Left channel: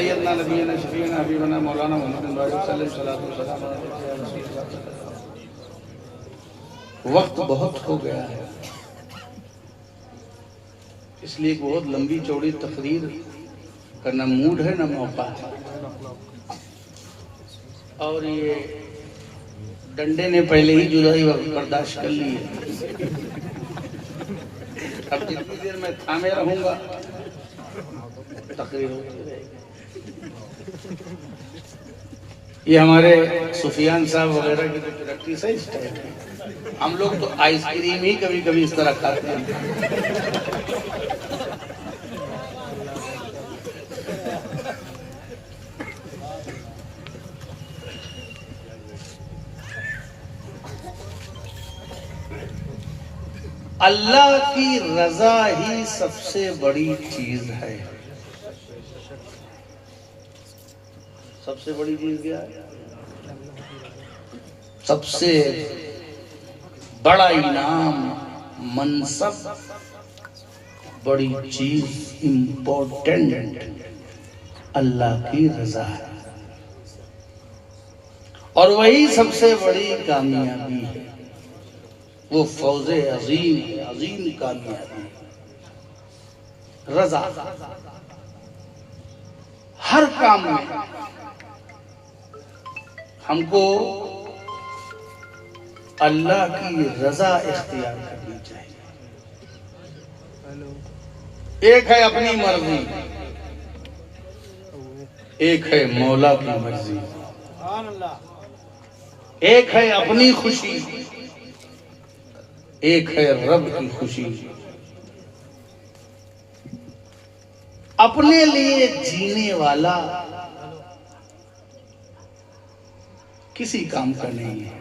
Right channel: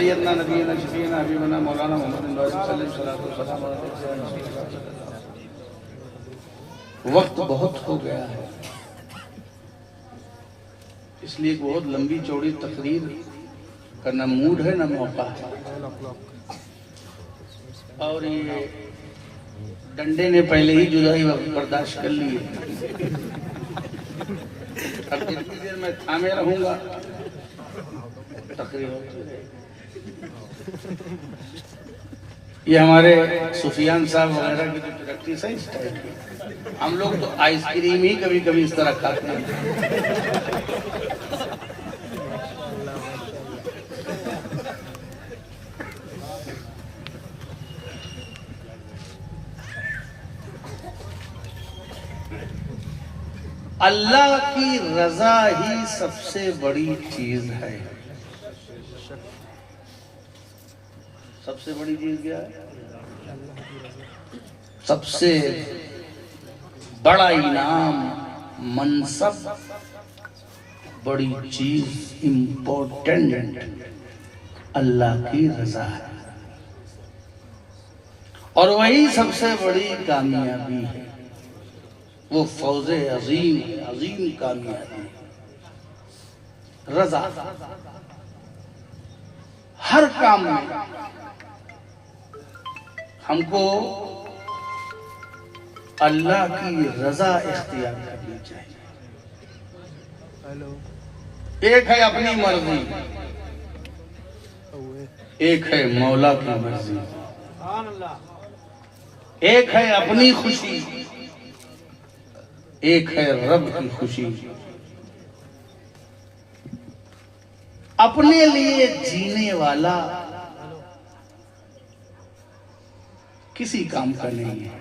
सैयदना नबीना शफीना हबीबना मौलाना मोहम्मद सल्लल्लाहु अलैहि वसल्लम। वक्त बहुत हो गया है, इसलिए एक बहुत लंबी चौड़ी तकरीर का न मूड है न मौका है। और ये डंडे ने पहले ही जुदाई बर्दाश्त कर ली है। अब जितनी देर मैं थामे रहूंगा तकरीर होती रहेगी। ये हमारे सुफियान साहब वगैरह की तो तरक्की सही स्टाइल है। हम लोग तो आइसक्रीम ही कभी कभी इस तरह खाते हैं। अल्लाह की रजा ही सबसे बड़ी चीज है। सबसे बड़ी चीज क्या है? सबसे बड़ा इनाम, मनसब, बड़ी चीज, इम्पोर्टेंट अल्लाह की रजा है। और वही सबसे बड़ी कामयाबी है। वो फौजे अजीम, अजीम कामयाबी, रजा। हर काम में हमको अल्लाह की रजा इख्तियार करनी चाहिए। एक है अपनी मर्जी, एक है मौला की मर्जी। एक है अपनी खुशी, एक है रब की खुशी। अपने लिए जीने वाला किसी काम का नहीं है।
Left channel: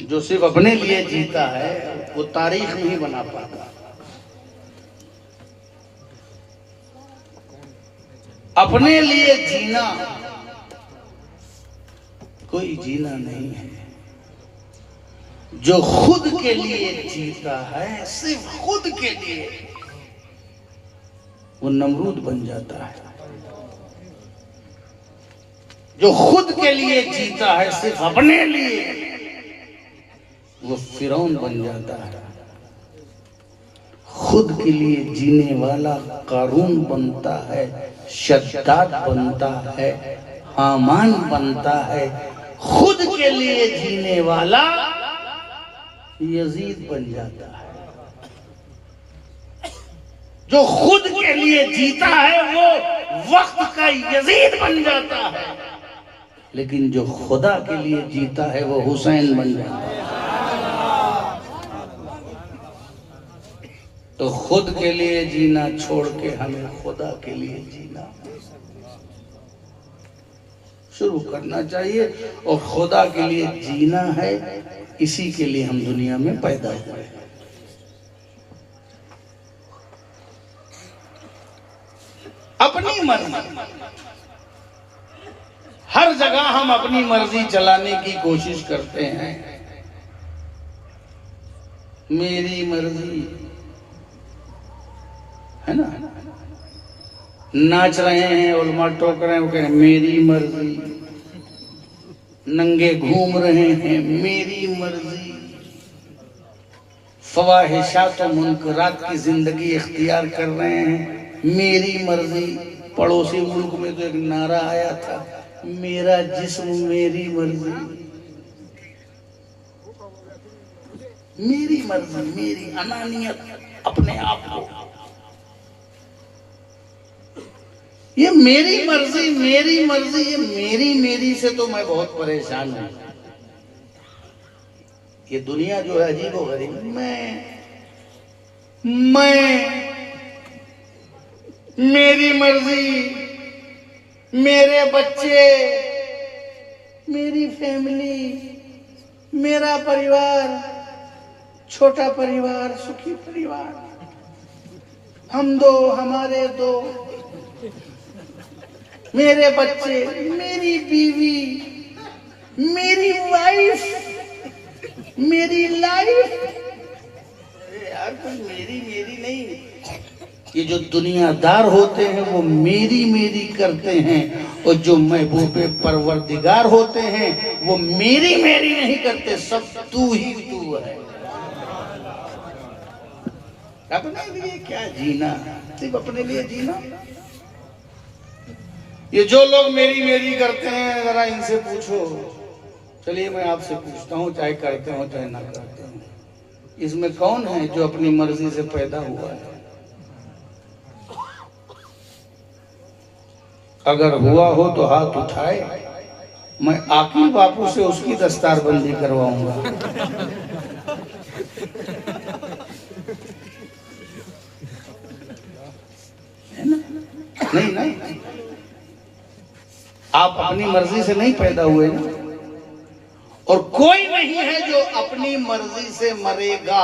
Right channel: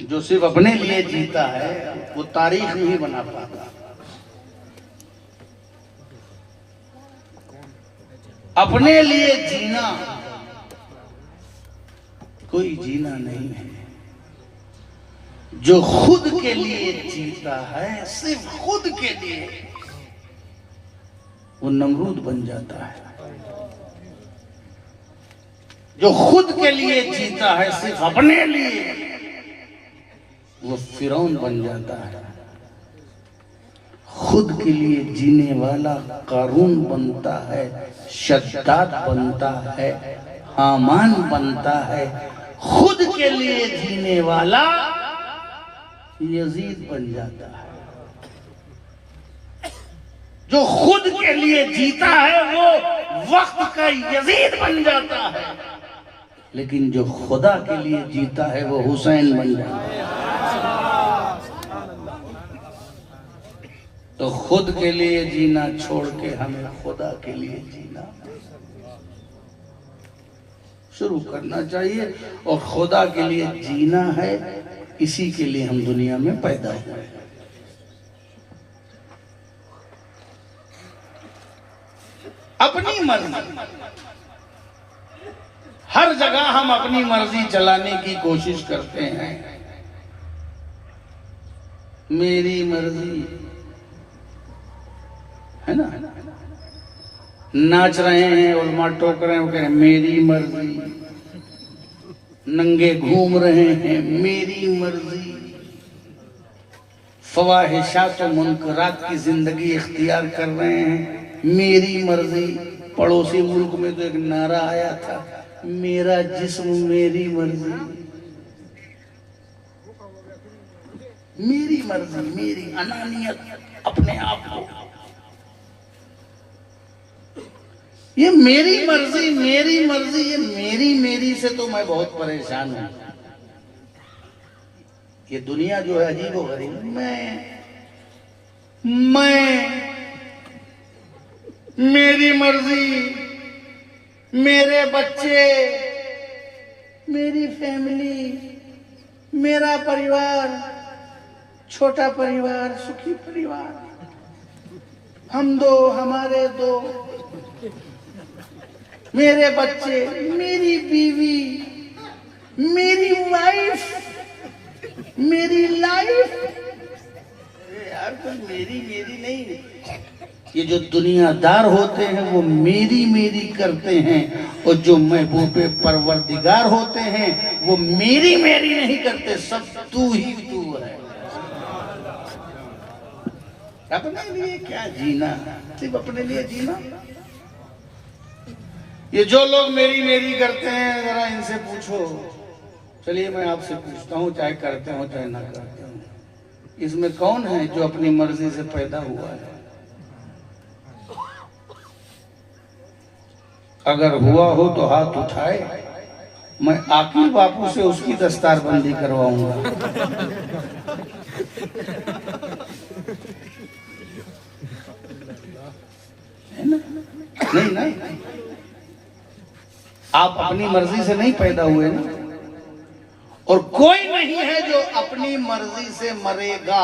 जो सिर्फ अपने लिए जीता है वो तारीख नहीं बना पाता। अपने लिए जीना कोई जीना नहीं है। जो खुद के लिए जीता है, सिर्फ खुद के लिए, वो नमरूद बन जाता है। जो खुद के लिए जीता है, सिर्फ अपने लिए, वो फिरौन बन जाता है। खुद के लिए जीने वाला कारून बनता है, शद्दाद बनता है, हामान बनता है। खुद के लिए जीने वाला यजीद बन जाता है। जो खुद के लिए जीता है वो वक्त का यजीद बन जाता है। लेकिन जो खुदा के लिए जीता है वो हुसैन बन जाता है। तो खुद के लिए जीना छोड़ के हमें खुदा के लिए जीना शुरू करना चाहिए। और खुदा के लिए जीना है, इसी के लिए हम दुनिया में पैदा हुए। अपनी मर्जी, हर जगह हम अपनी मर्जी चलाने की कोशिश करते हैं। मेरी मर्जी है ना, नाच रहे हैं, उल्मा टोक रहे हैं, मेरी मर्जी, नंगे घूम रहे हैं, मेरी मर्जी, फवाहिशात और मुनकरात की जिंदगी इख्तियार कर रहे हैं, मेरी मर्जी। पड़ोसी मुल्क में तो एक नारा आया था, मेरा जिस्म मेरी मर्जी। मेरी मर्जी, मेरी अनानियत, अपने आप को, ये मेरी मर्जी, मेरी मर्जी, ये मेरी से तो मैं बहुत परेशान हूं। ये दुनिया जो है अजीब हो गई। मैं मेरी मर्जी, मेरे बच्चे, मेरी फैमिली, मेरा परिवार, छोटा परिवार, सुखी परिवार, हम दो, हमारे दो, मेरे बच्चे, मेरी बीवी, मेरी वाइफ, मेरी लाइफ। यार कोई मेरी नहीं। ये जो दुनियादार होते हैं वो मेरी मेरी करते हैं, और जो महबूब परवरदिगार होते हैं वो मेरी मेरी नहीं करते, सब तू ही तू है। अपने लिए क्या जीना, सिर्फ अपने लिए जीना। ये जो लोग मेरी मेरी करते हैं, जरा इनसे पूछो। चलिए मैं आपसे पूछता हूँ, चाहे करते हो चाहे ना करते हो, इसमें कौन है जो अपनी मर्जी से पैदा हुआ है? अगर हुआ हो तो हाथ उठाए, मैं आकिल बापू से उसकी दस्तारबंदी करवाऊंगा। है ना? नहीं ना, आप अपनी मर्जी से नहीं पैदा हुए ना, और कोई नहीं है जो अपनी मर्जी से मरेगा।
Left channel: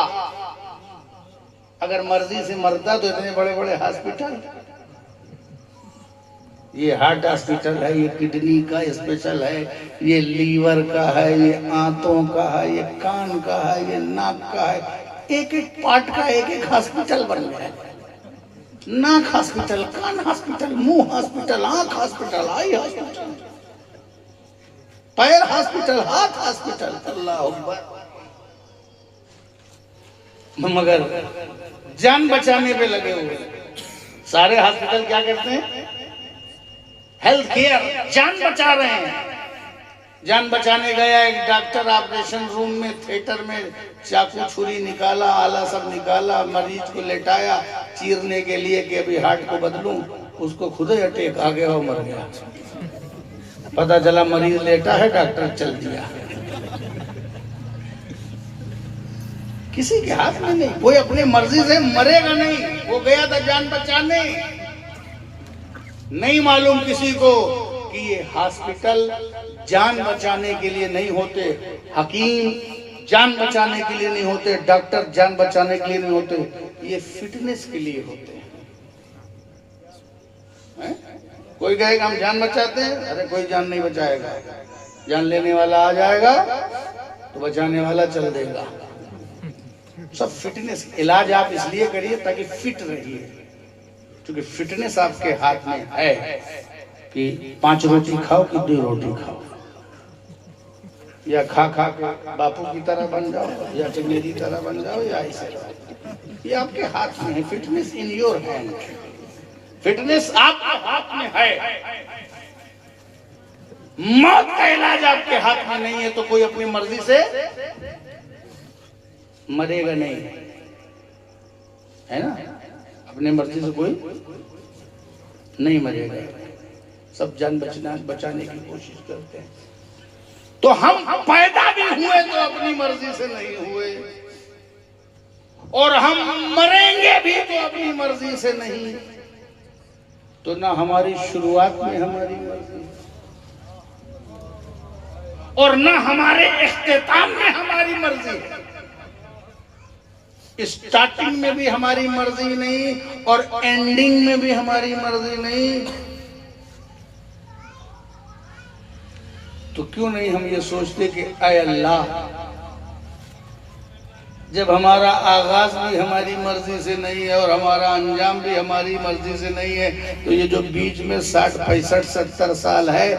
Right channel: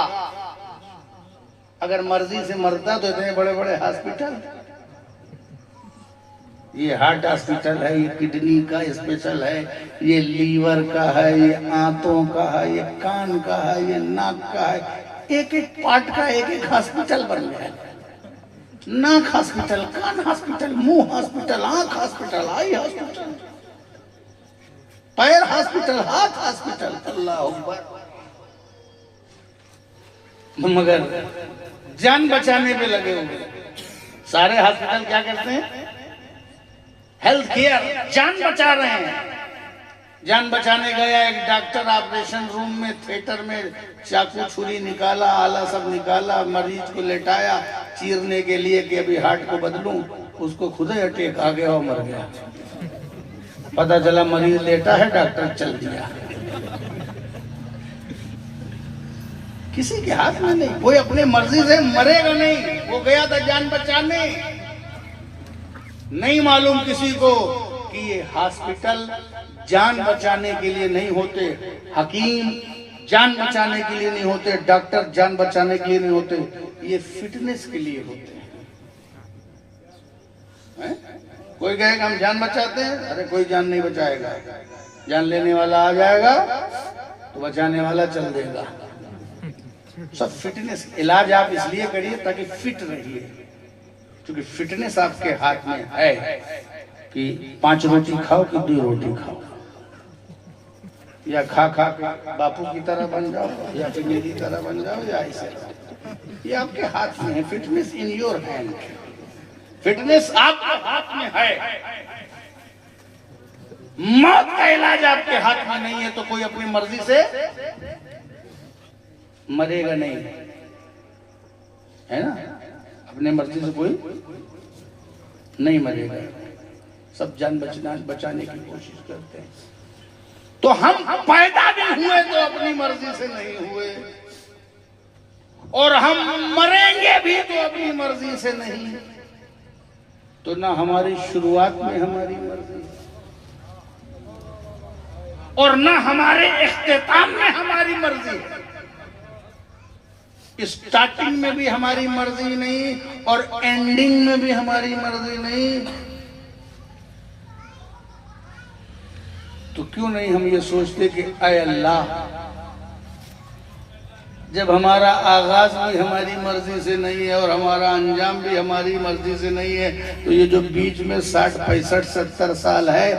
अगर मर्जी से मरता तो इतने बड़े बड़े हॉस्पिटल, ये हार्ट हॉस्पिटल है, ये किडनी का स्पेशल है, ये लीवर का है, ये आंतों का है, ये कान का है, ये नाक का है, एक एक पार्ट का एक एक हॉस्पिटल बन गया। नाक हॉस्पिटल, कान हॉस्पिटल, मुंह हॉस्पिटल, आंख हॉस्पिटल, आई हॉस्पिटल, पैर हॉस्पिटल, हाथ हॉस्पिटल। अल्लाह अकबर। मगर जान बचाने पे लगे हुए सारे हॉस्पिटल क्या करते हैं? हेल्थ केयर, जान बचा रहे हैं। जान बचाने गया एक डॉक्टर ऑपरेशन रूम में, थिएटर में, चाकू छुरी निकाला, आला सब निकाला, मरीज को लेटाया चीरने के लिए कि अभी हार्ट को बदलूं, उसको खुद ही अटैक आ गया और मर गया। पता चला मरीज लेटा है, डॉक्टर चल दिया। किसी के हाथ में नहीं, कोई अपनी मर्जी से मरेगा नहीं। वो गया था जान बचाने, नहीं मालूम किसी को कि ये हॉस्पिटल जान बचाने के लिए नहीं होते, हकीम जान बचाने के लिए नहीं होते, डॉक्टर जान बचाने के लिए नहीं होते, ये फिटनेस के लिए होते हैं। कोई कहेगा हम जान बचाते हैं, अरे कोई जान नहीं बचाएगा। जान लेने वाला आ जाएगा तो बचाने वाला चल देगा। सब फिटनेस, इलाज आप इसलिए करिए ताकि फिट रहिए, क्योंकि फिटनेस आपके हाथ में है कि 5 रोटी खाओ कि 2 रोटी खाओ, या खा खा के बापू की तरह बन जाओ, या फिर मेरी तरह बन जाओ, या ऐसे। ये आपके हाथ में है। Fitness in your hand. Fitness आपके हाथ में है। मौत का इलाज आपके हाथ में नहीं है, तो कोई अपनी मर्जी से मरेगा नहीं, है ना? अपने मर्जी से कोई नहीं मरेगा। सब जान बचाने की कोशिश करते हैं। तो हम पैदा भी हुए तो अपनी मर्जी से नहीं हुए, और हम मरेंगे भी तो अपनी मर्जी से नहीं। तो ना हमारी शुरुआत में हमारी मर्जी, और ना हमारे इख्तिताम में हमारी मर्जी है। स्टार्टिंग में भी हमारी मर्जी नहीं, और एंडिंग में भी हमारी मर्जी नहीं। तो क्यों नहीं हम ये सोचते कि ऐ अल्लाह, जब हमारा आगाज भी हमारी मर्जी से नहीं है और हमारा अंजाम भी हमारी मर्जी से नहीं है, तो ये जो बीच में 60, 65, 70 साल है,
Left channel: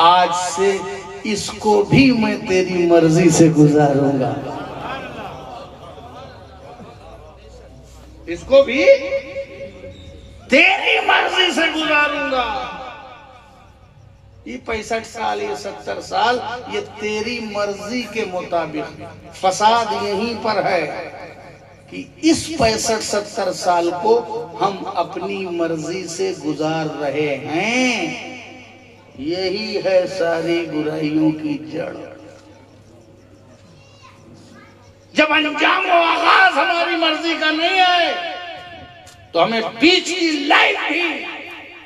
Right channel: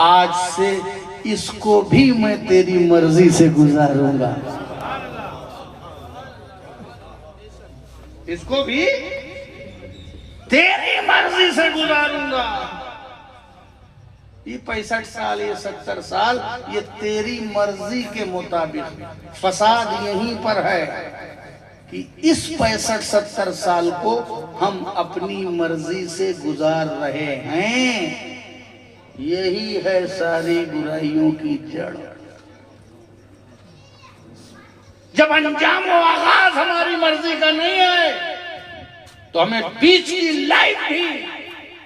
आज से इसको भी मैं तेरी मर्जी से गुजारूंगा। इसको भी तेरी मर्जी से गुजारूंगा। ये 65 साल, ये 70 साल, ये तेरी मर्जी के मुताबिक। फसाद यहीं पर है कि इस 65-70 साल को हम अपनी मर्जी से गुजार रहे हैं। यही है सारी बुराइयों की जड़। जब अंजाम और आगाज हमारी मर्जी का नहीं है, तो हमें बीच की लाइफ भी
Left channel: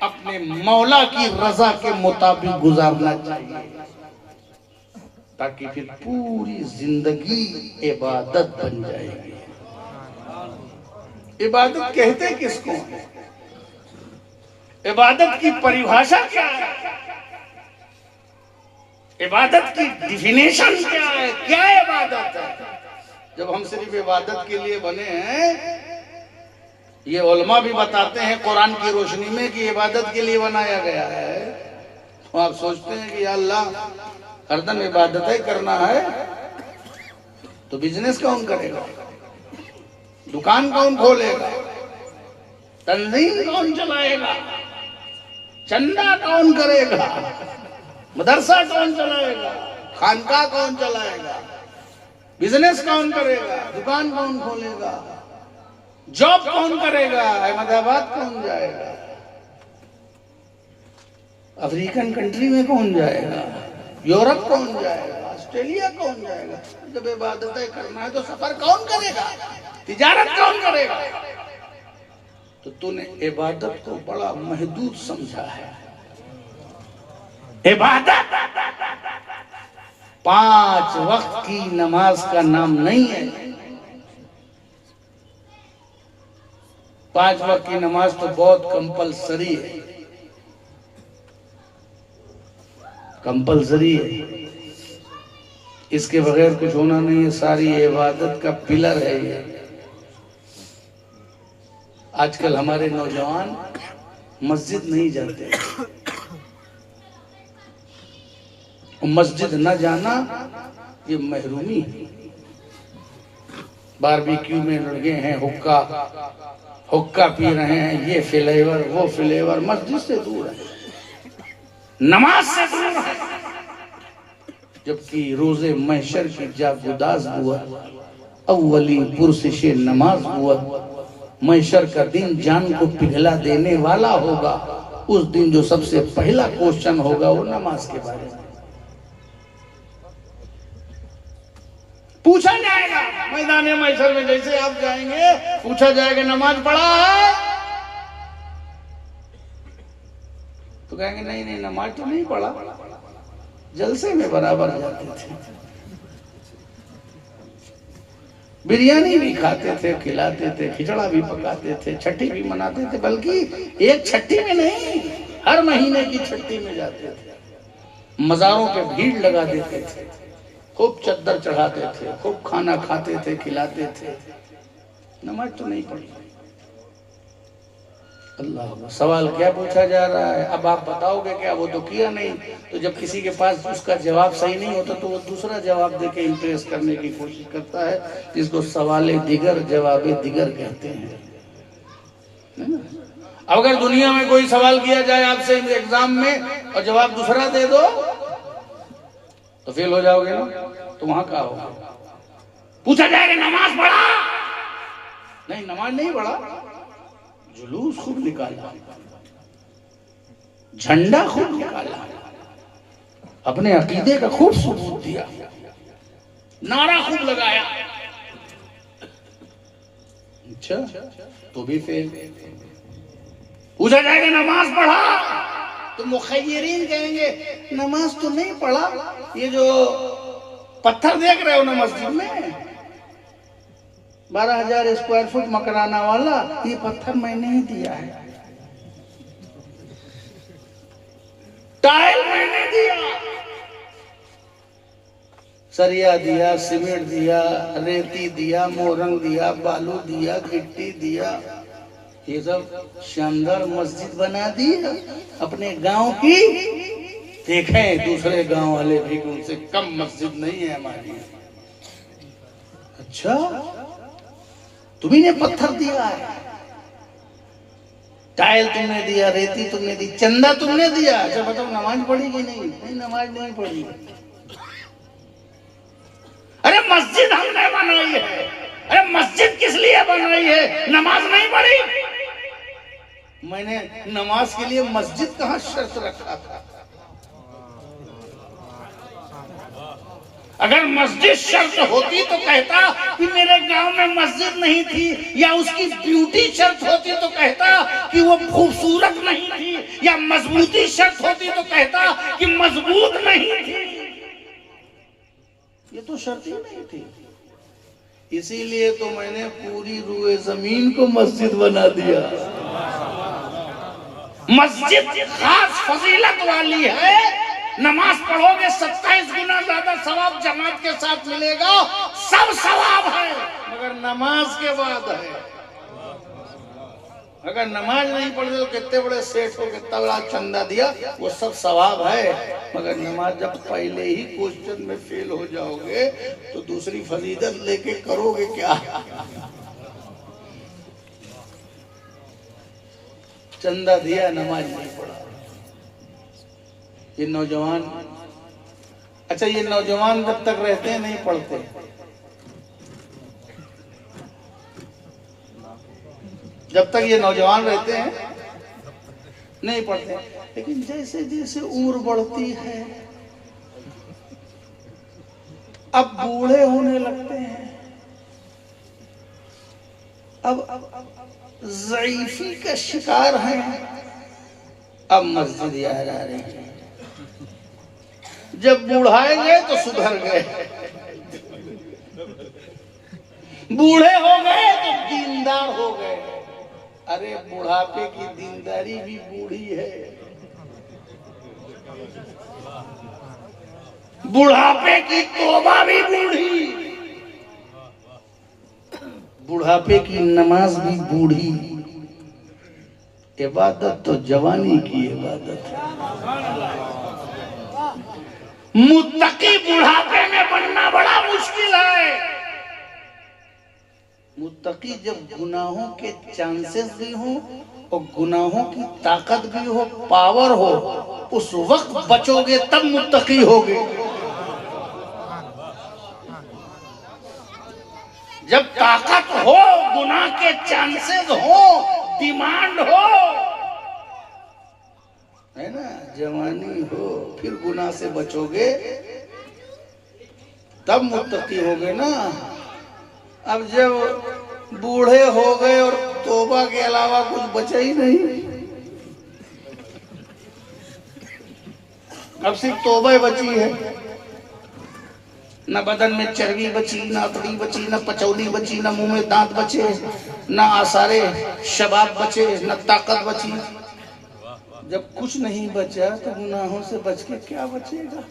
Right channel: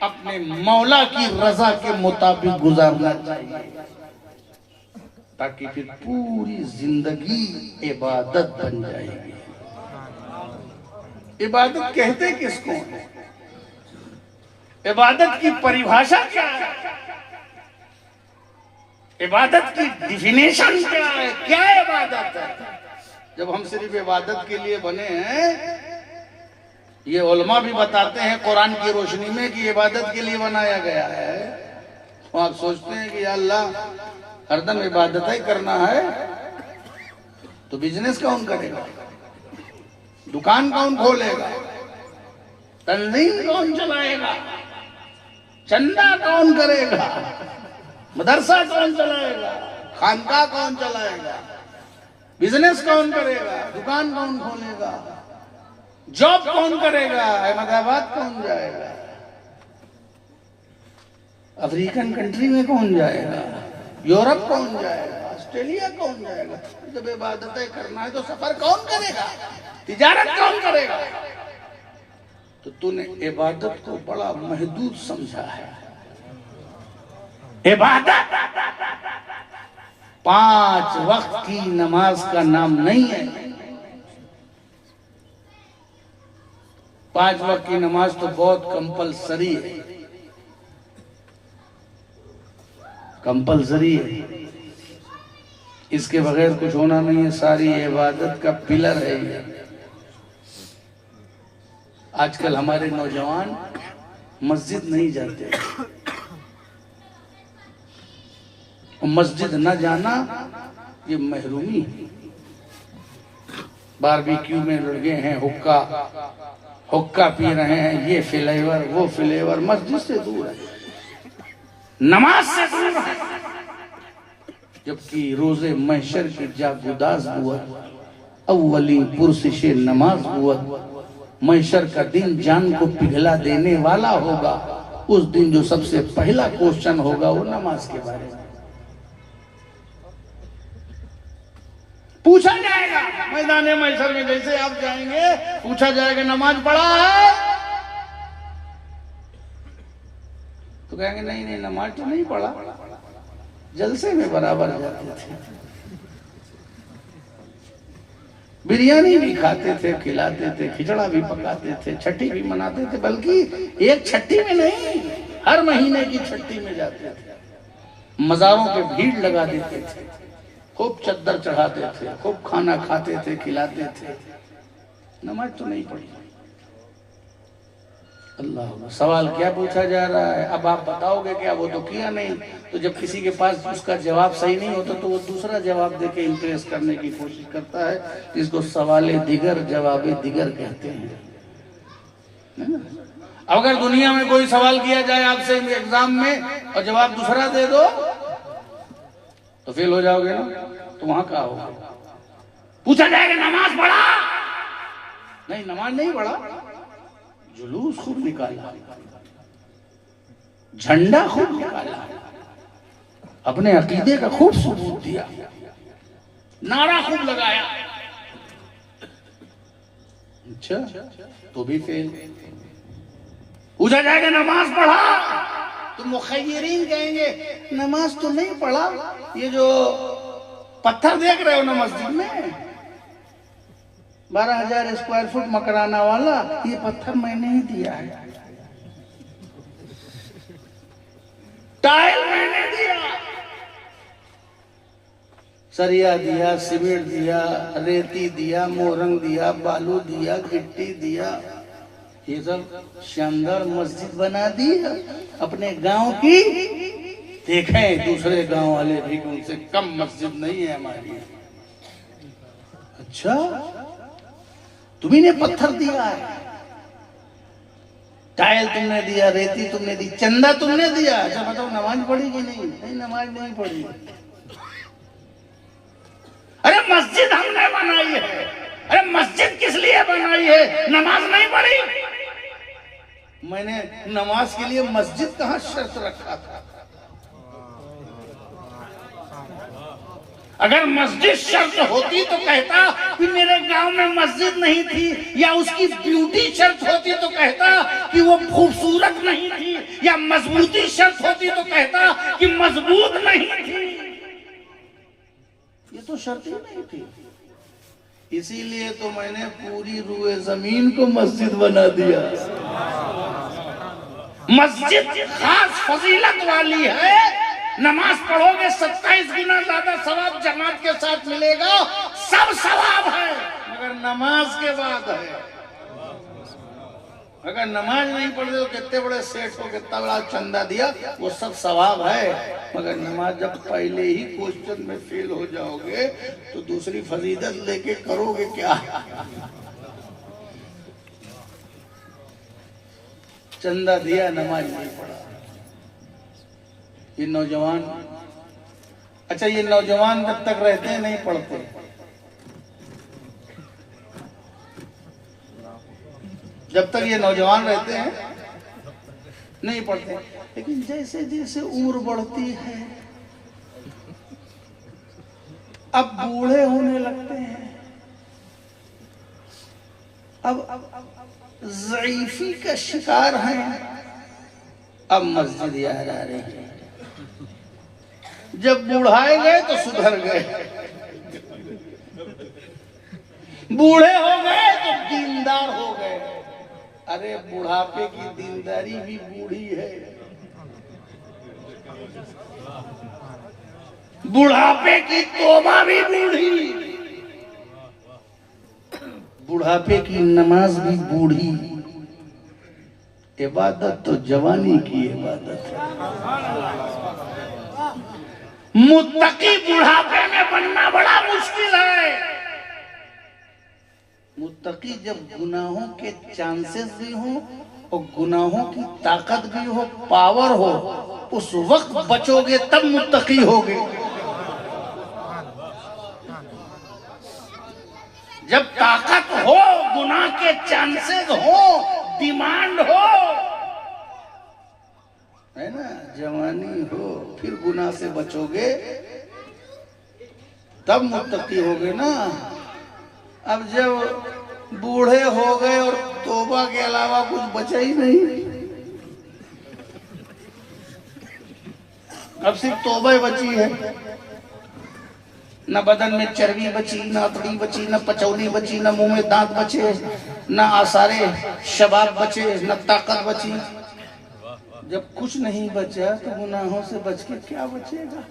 अपने मौला की रजा के मुताबिक गुजारना चाहिए, ताकि फिर पूरी जिंदगी इबादत बन जाएगी। इबादत कहते किसको? इबादत की परिभाषा क्या है? इबादत की डिफिनेशन क्या है? क्या इबादत है? जब हम सिर्फ इबादत के लिए बने हैं ये उलमा भी बताते हैं कुरान की रोशनी में कि इबादत के लिए बनाया गया है। तो आप सोचते हैं कि या अल्लाह हरदम इबादत ही करना है, तो बिजनेस कौन करेगा, दुकान कौन खोलेगा, तंजीम कौन चलाएगा, चंदा कौन करेगा, मदरसा कौन चलाएगा, खानका कौन चलाएगा, बिजनेस कौन करेगा, दुकान कौन खोलेगा, जॉब कौन करेगा, अहमदाबाद कौन जाएगा, अफ्रीकन कंट्री में कौन जाएगा, यूरोप कौन जाएगा, ऑस्ट्रेलिया कौन जाएगा। जब इबादतें करना है तो सफर कौन करेगा, तिजारत कौन करेगा। तो तूने इबादत को बड़ा महदूद समझा है। इबादत 5 वक्त की नमाज का नाम नहीं है। 5 वक्त की नमाज तो बहुत कंपलसरी है, कंपलसरी है, इसके बगैर कुछ होना नहीं है। सारी इबादत का पिलर है ये। आजकल हमारे नौजवान मस्जिद नहीं जाते, मस्जिद न जाना ये महरूमी है। बारबेक्यू में लगे हैं, हुक्का पी रहे हैं, ये फ्लेवर वो फ्लेवर, मस्जिद से दूर है, नमाज से दूर है। जबकि रोजे महशर की जागुदाज हुआ, अव्वली पुरसिश नमाज हुआ। महशर का दिन जान को पिघला देने वाला होगा। उस दिन जो सबसे पहला क्वेश्चन होगा वो नमाज के बारे में पूछा जाएगा। मैदान महशर में जैसे आप जाएंगे पूछा जाएगा नमाज पढ़ा है, तो कहेंगे नहीं नहीं नमाज तो नहीं पढ़ा, जलसे में बराबर जाते थे, बिरयानी भी खाते थे, खिलाते थे, खिचड़ा भी पकाते थे, छठी भी मनाते थे। बल्कि एक छठी में नहीं, हर महीने की छठी में जाते थे, मजारों पे भीड़ लगा देते थे, खूब चद्दर चढ़ाते थे, खूब खाना खाते थे, खिलाते थे। नमाज तो नहीं पढ़ी। अल्लाह, सवाल क्या पूछा जा रहा है? अब आप बताओगे क्या, वो तो किया नहीं। तो जब किसी के पास उसका जवाब सही नहीं होता तो वो दूसरा जवाब देके इम्प्रेस करने की कोशिश करता है, जिसको सवाले दिगर जवाबे दिगर कहते हैं। अगर दुनिया में कोई सवाल किया जाए आपसे एग्जाम में और जवाब दूसरा दे दो तो फेल हो जाओगे ना। तो वहां क्या होगा? पूछा जाएगा नमाज पढ़ा? नहीं, नमाज नहीं पढ़ा, जुलूस खूब निकाला, झंडा खूब निकाला, अपने अकीदे का खूब सबूत दिया, नारा खूब लगाया। अच्छा, तो भी फेल। पूछा जाएगा नमाज पढ़ा? तो मुखय्यरीन कहेंगे नमाज तो नहीं पढ़ा, ये जो पत्थर देख रहे हो ना मस्जिद में 12,000 स्क्वायर फुट मकराना वाला, ये पत्थर मैंने ही दिया है, टाइल मैंने दिया, सरिया दिया, सीमेंट दिया, रेती दिया, मोरंग दिया, बालू दिया, गिट्टी दिया, ये सब शानदार मस्जिद बना दी अपने गांव की। देखें दूसरे गांव वाले भी, उनसे कम मस्जिद नहीं है हमारी। अच्छा, तुम्ही ने पत्थर दिया है, टाइल तुमने दिया, रेती तुमने दी, चंदा तुमने दिया। अच्छा बताओ नमाज पढ़ी कि नहीं? नहीं, नमाज नहीं पढ़ी। अरे मस्जिद हमने बनाई है, अरे मस्जिद किस लिए बनाई है, नमाज नहीं पढ़ी? मैंने नमाज के लिए मस्जिद कहां शर्त रखा था? अगर मस्जिद शर्त होती तो कहता कि मेरे गांव में मस्जिद नहीं थी, या उसकी ब्यूटी शर्त होती तो कहता कि वो खूबसूरत नहीं थी, या मजबूती शर्त होती तो कहता कि मजबूत नहीं थी। ये तो शर्त ही नहीं थी। इसीलिए तो मैंने पूरी रुए जमीन को मस्जिद बना दिया। मस्जिद खास फजीलत वाली है, नमाज पढ़ोगे 27 गुना ज्यादा सवाब जमात के साथ मिलेगा, सब सवाब है, मगर नमाज के बाद है। अगर नमाज नहीं पढ़ तो कितने बड़े सेठ हो, कितना बड़ा चंदा दिया, वो सब सवाब है। मगर नमाज जब पहले ही क्वेश्चन में फेल हो जाओगे तो दूसरी फजीलत लेके करोगे क्या? चंदा दिया, नमाज नहीं पढ़ा। ये नौजवान, अच्छा ये नौजवान जब तक रहते हैं नहीं पढ़ते, जब तक ये नौजवान रहते हैं नहीं पढ़ते, लेकिन जैसे जैसे उम्र बढ़ती है अब बूढ़े होने लगते हैं, अब ज़ईफी का शिकार हैं, अब मस्जिद याद आ रही है। जब बुढ़ाए गए तो सुधर गए, बूढ़े हो गए तो दीनदार हो गए। अरे बुढ़ापे की दीनदारी भी बूढ़ी है, बुढ़ापे की तौबा भी बूढ़ी, बुढ़ापे की नमाज भी बूढ़ी। इबादत तो जवानी की इबादत है। मुत्तकी बुढ़ापे में बनना बड़ा मुश्किल है। मुत्तकी जब गुनाहों के चांसेस भी हो और गुनाहों की ताकत भी हो, पावर हो, उस वक्त बचोगे तब मुत्तकी होगे। जब ताकत हो, गुनाह के चांसेस हो, डिमांड हो, है ना, जवानी हो, फिर गुनाह से बचोगे तब मुत्तकी होगे ना। अब जब बूढ़े हो गए और तौबा के अलावा कुछ बचा ही नहीं, अब सिर्फ तौबा ही बची है। न बदन में चर्बी बची, न अतड़ी बची, न पचौली बची, न मुंह में दांत बचे, न आसारे शबाब बचे, न ताकत बची। जब कुछ नहीं बचा तो गुनाहों से बच के क्या बचेगा?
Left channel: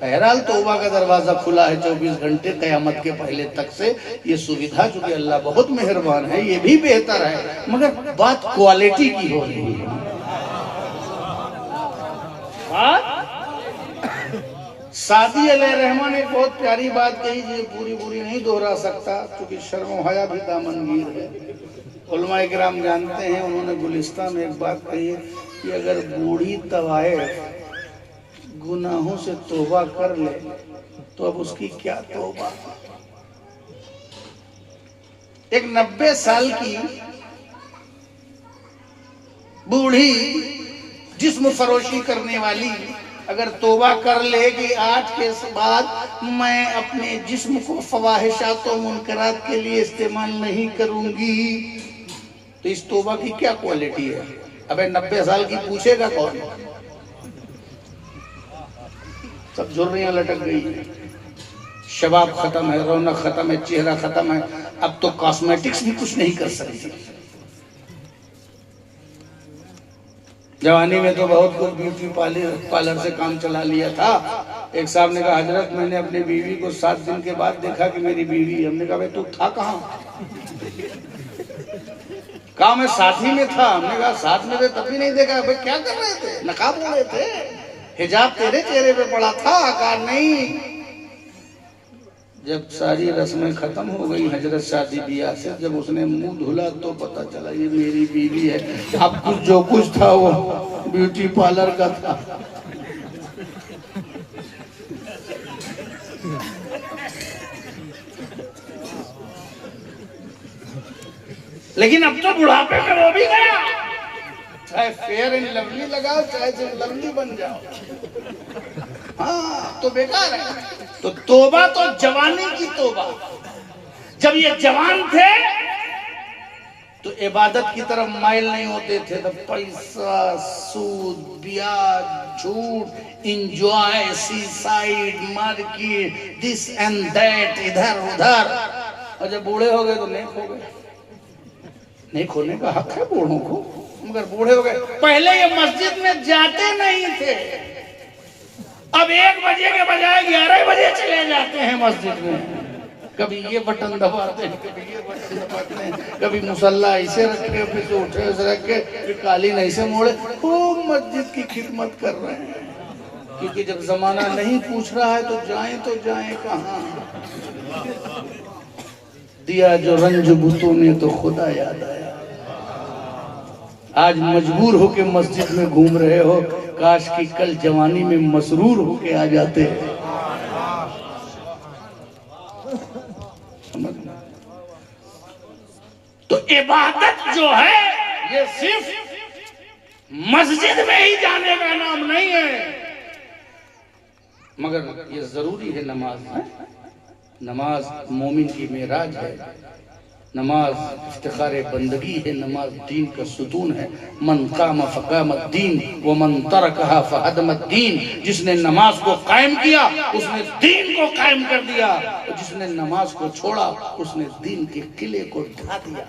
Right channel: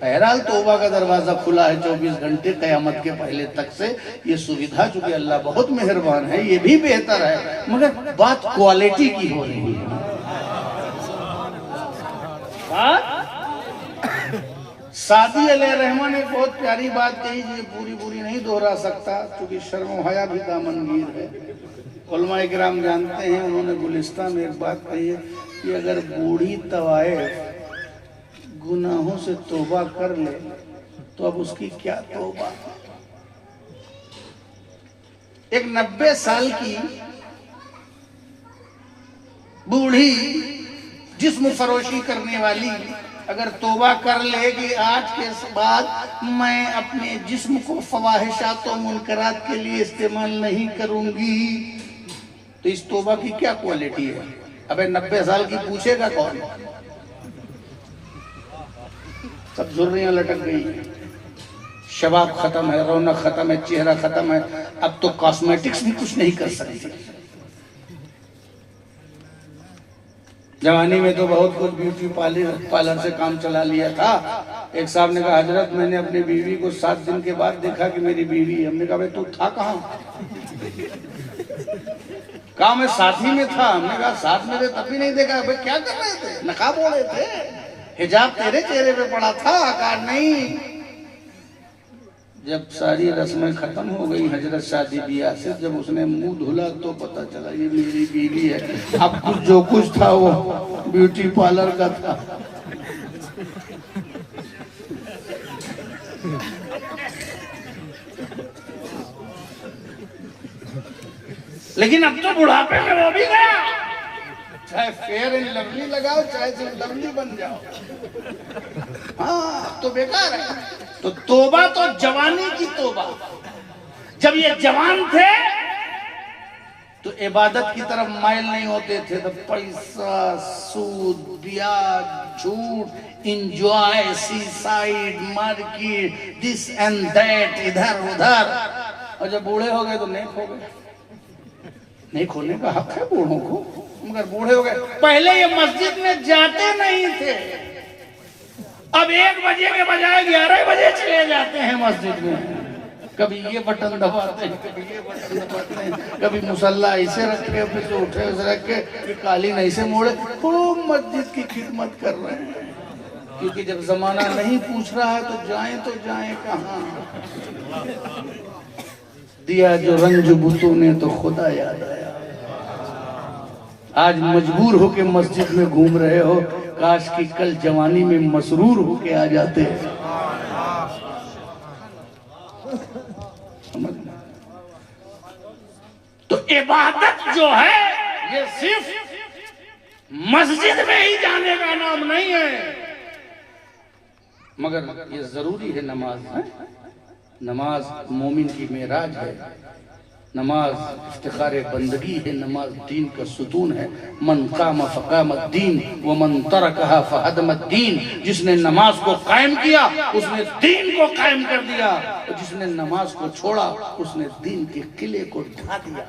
बहरहाल तौबा का दरवाजा खुला है 24 घंटे क़यामत के पहले तक से। ये सुविधा चूंकि अल्लाह बहुत मेहरबान है, ये भी बेहतर है, मगर बात क्वालिटी की हो रही है। सादी अलैहिर्रहमान ने बहुत प्यारी बात कही, ये पूरी नहीं दोहरा सकता क्योंकि शर्म हया भी दामनगीर है। उलमा इकराम जानते हैं, उन्होंने गुलिस्तान में एक बात कही है कि अगर बूढ़ी तवाइफ गुनाहों से तौबा कर ले तो अब उसकी क्या तौबा। एक 90 साल की बूढ़ी जिस्म फरोशी करने वाली अगर तौबा कर ले कि आज के बाद मैं अपने जिस्म को फवाहिशात और मुनकरात के लिए इस्तेमाल नहीं करूंगी, तो इस तौबा की क्या क्वालिटी है? अबे 90 साल की पूछेगा कौन? सब झुर्रियां लटक गई, शबाब खत्म है, रौनक खत्म है, चेहरा खत्म है, अब तो कॉस्मेटिक्स भी कुछ नहीं कर सकती। जवानी में तो बहुत कुछ ब्यूटी पार्लर से काम चला लिया था। एक साहब ने कहा, हजरत मैंने अपनी बीवी को 7 दिन के बाद देखा कि मेरी बीवी है। हमने कहा, भाई तू था कहाँ? कहा मैं साथी में था। हमने कहा साथ में थे तभी नहीं देखा। भाई क्या कर रहे थे? नकाब ओढ़े थे, हिजाब तेरे चेहरे पे पड़ा था, आकार नहीं। जब सारी रस्में खत्म हो गई हजरत शादी ब्याह से, जब उसने मुंह धुला तो पता चला ये मेरी बीवी है। अब कुछ जो कुछ था वो ब्यूटी पार्लर का था। लेकिन अब तो बुढ़ापे में वो भी गया, चाहे फेयर एंड लवली लगाओ चाहे सिर्फ लवली बन जाओ, हाँ तो बेकार है। तो तौबा तो जवानी की तौबा। जब ये जवान थे तो इबादत की तरफ माइल नहीं होते थे, तो पैसा, सूद, ब्याज, झूठ, enjoy, seaside, market, this and that, इधर उधर। और जब बूढ़े हो गए तो नहीं खो गए। नहीं खोने का हक है बूढ़ों को, मगर बूढ़े हो गए। पहले ये मस्जिद में जाते नहीं थे, अब 1 बजे के बजाय 11 बजे चले जाते हैं मस्जिद में। कभी ये बटन दबाते हैं, कभी ये बटन दबाते हैं, कभी मुसल्ला ऐसे रख के, फिर उठे ऐसे रख के, फिर कालीन ऐसे मोड़े, खूब मस्जिद की खिदमत कर रहे हैं। क्योंकि जब जमाना नहीं पूछ रहा है तो जाएं कहाँ। दिया जो रंज बुतों ने तो खुदा याद आया। आज मजबूर होके मस्जिद में घूम रहे हो, काश कि कल जवानी में मसरूर होके आ जाते हैं। तो इबादत जो है ये सिर्फ मस्जिद में ही जाने का नाम नहीं है, मगर ये जरूरी है। नमाज है, नमाज मोमिन की मेराज है, नमाज इफ्तिखार बंदगी है, नमाज दीन का सुतून है। मन काम फ़क़ाम दीन व मन तरकहा फ़हदम दीन। जिसने नमाज को कायम किया उसने दीन को कायम कर दिया, और जिसने नमाज को छोड़ा उसने दीन के किले को ढा दिया।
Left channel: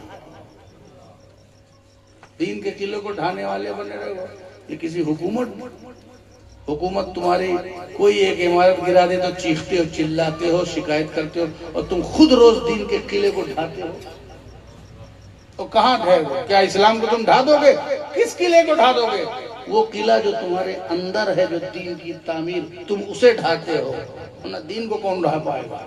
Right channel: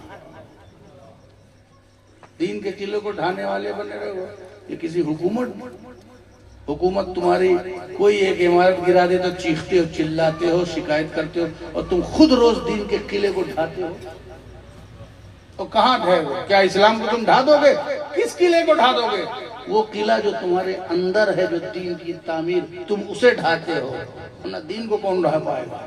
दीन के किले को ढाने वाले बने रहो। ये किसी हुकूमत तुम्हारी कोई एक इमारत गिरा दे तो चीखते हो, चिल्लाते हो, शिकायत करते हो, और तुम खुद रोज दीन के किले को ढाते हो। तो कहाँ ढाओगे? क्या इस्लाम को तुम ढा दोगे? किस किले को ढा दोगे? वो किला जो तुम्हारे अंदर है, जो दीन की तामीर, तुम उसे ढाते हो ना। दीन को कौन ढा पाएगा?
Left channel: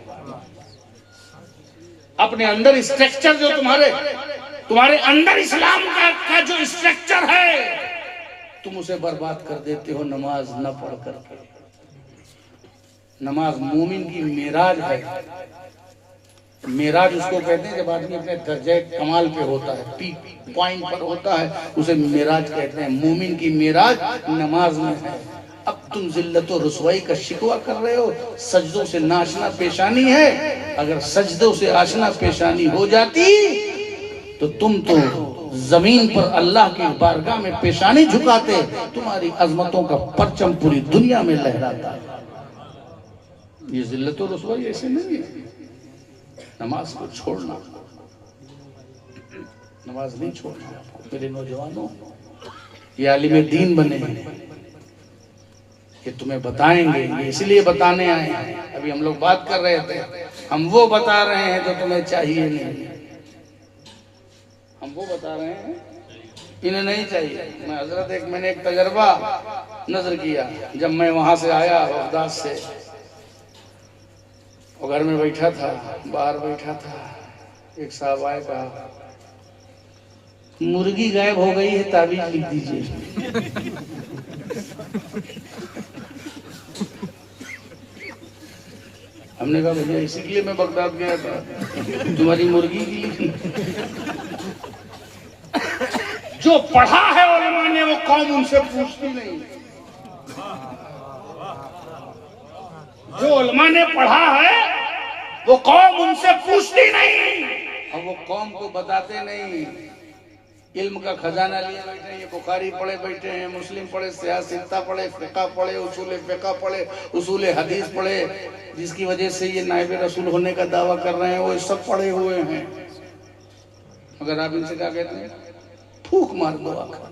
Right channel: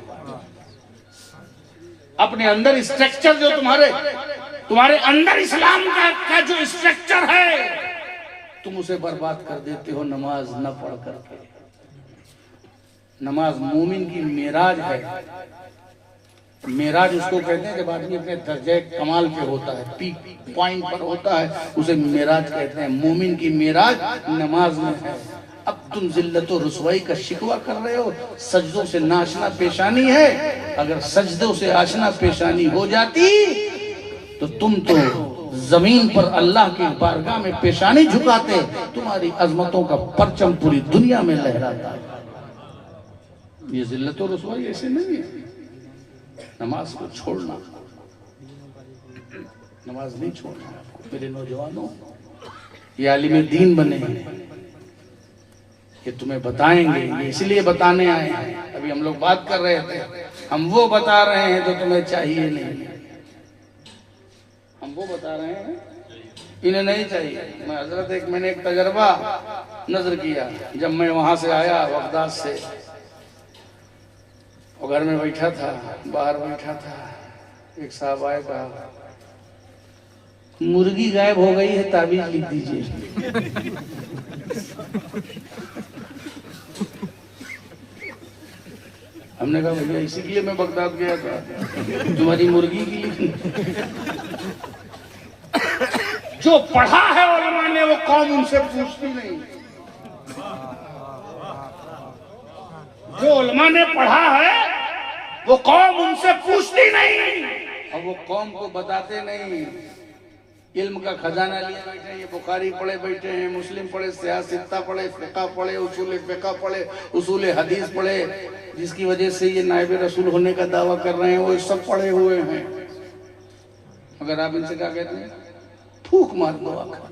अपने अंदर स्ट्रक्चर जो तुम्हारे अंदर इस्लाम का जो स्ट्रक्चर है, तुम उसे बर्बाद कर देते हो नमाज न पढ़ करके। नमाज मोमिन की मेराज है। मेराज उसको कहते हैं जब आदमी अपने दर्जे कमाल पे होता है, पीक पॉइंट पर होता है, उसे मेराज कहते हैं। मोमिन की मेराज नमाज में है। अब तुम जिल्लत और रुसवाई का शिकवा कर रहे हो, सजदों से नाशना पेशानी है। अगर सजदों से आशना पेशानी हो जाती तो तुम तो जमीन पर अल्लाह की बारगाह में पेशानी झुकाते, तुम्हारी अजमतों का परचम पूरी दुनिया में लहराता। ये जिल्लत और रुसवाई ऐसे नहीं है। नमाज को छोड़ना, नमाज नहीं छोड़ना। मेरे नौजवानों, ये आलिम दीन बने हैं, ये तुम्हें बताएंगे, ये इसलिए बताने आए हैं। अभी हम लोग बात कर रहे थे, हम वो बता रहे हैं तो तुम्हें चाहिए नहीं, हम वो बता रहे हैं इन्हें नहीं चाहिए। मैं हजरत मैंने एक तजर्बा नजर किया। जब मैं वहां से आया बगदाद से, और घर में बैठा था, बाहर बैठा था, एक साहब आए, कहा मुर्गी गायब हो गई है, ताबीज लिख दीजिए। हमने कहा भैया इसीलिए मैं बगदाद गया था, तुम्हारी मुर्गी की। जो पढ़ा है उलमा ने, वो कौम उनसे पूछती नहीं। जो उलमा ने पढ़ा है वो कौम उनसे पूछती नहीं, और वो कौम को बताते नहीं। इल्म का खजाना लिए बैठे हैं, ये बुखारी पढ़े बैठे हैं, मुस्लिम पढ़े, सियासत पढ़े, फिक़ह पढ़े, उसूल फिक़ह पढ़े, उसूल हदीस पढ़े, जिसकी वजह से ये नायब रसूल होने का दावा कर रहे हैं, वो सब पढ़े हुए हैं। अगर आप इनसे क्या कहते हैं, फूक मार दो आकर।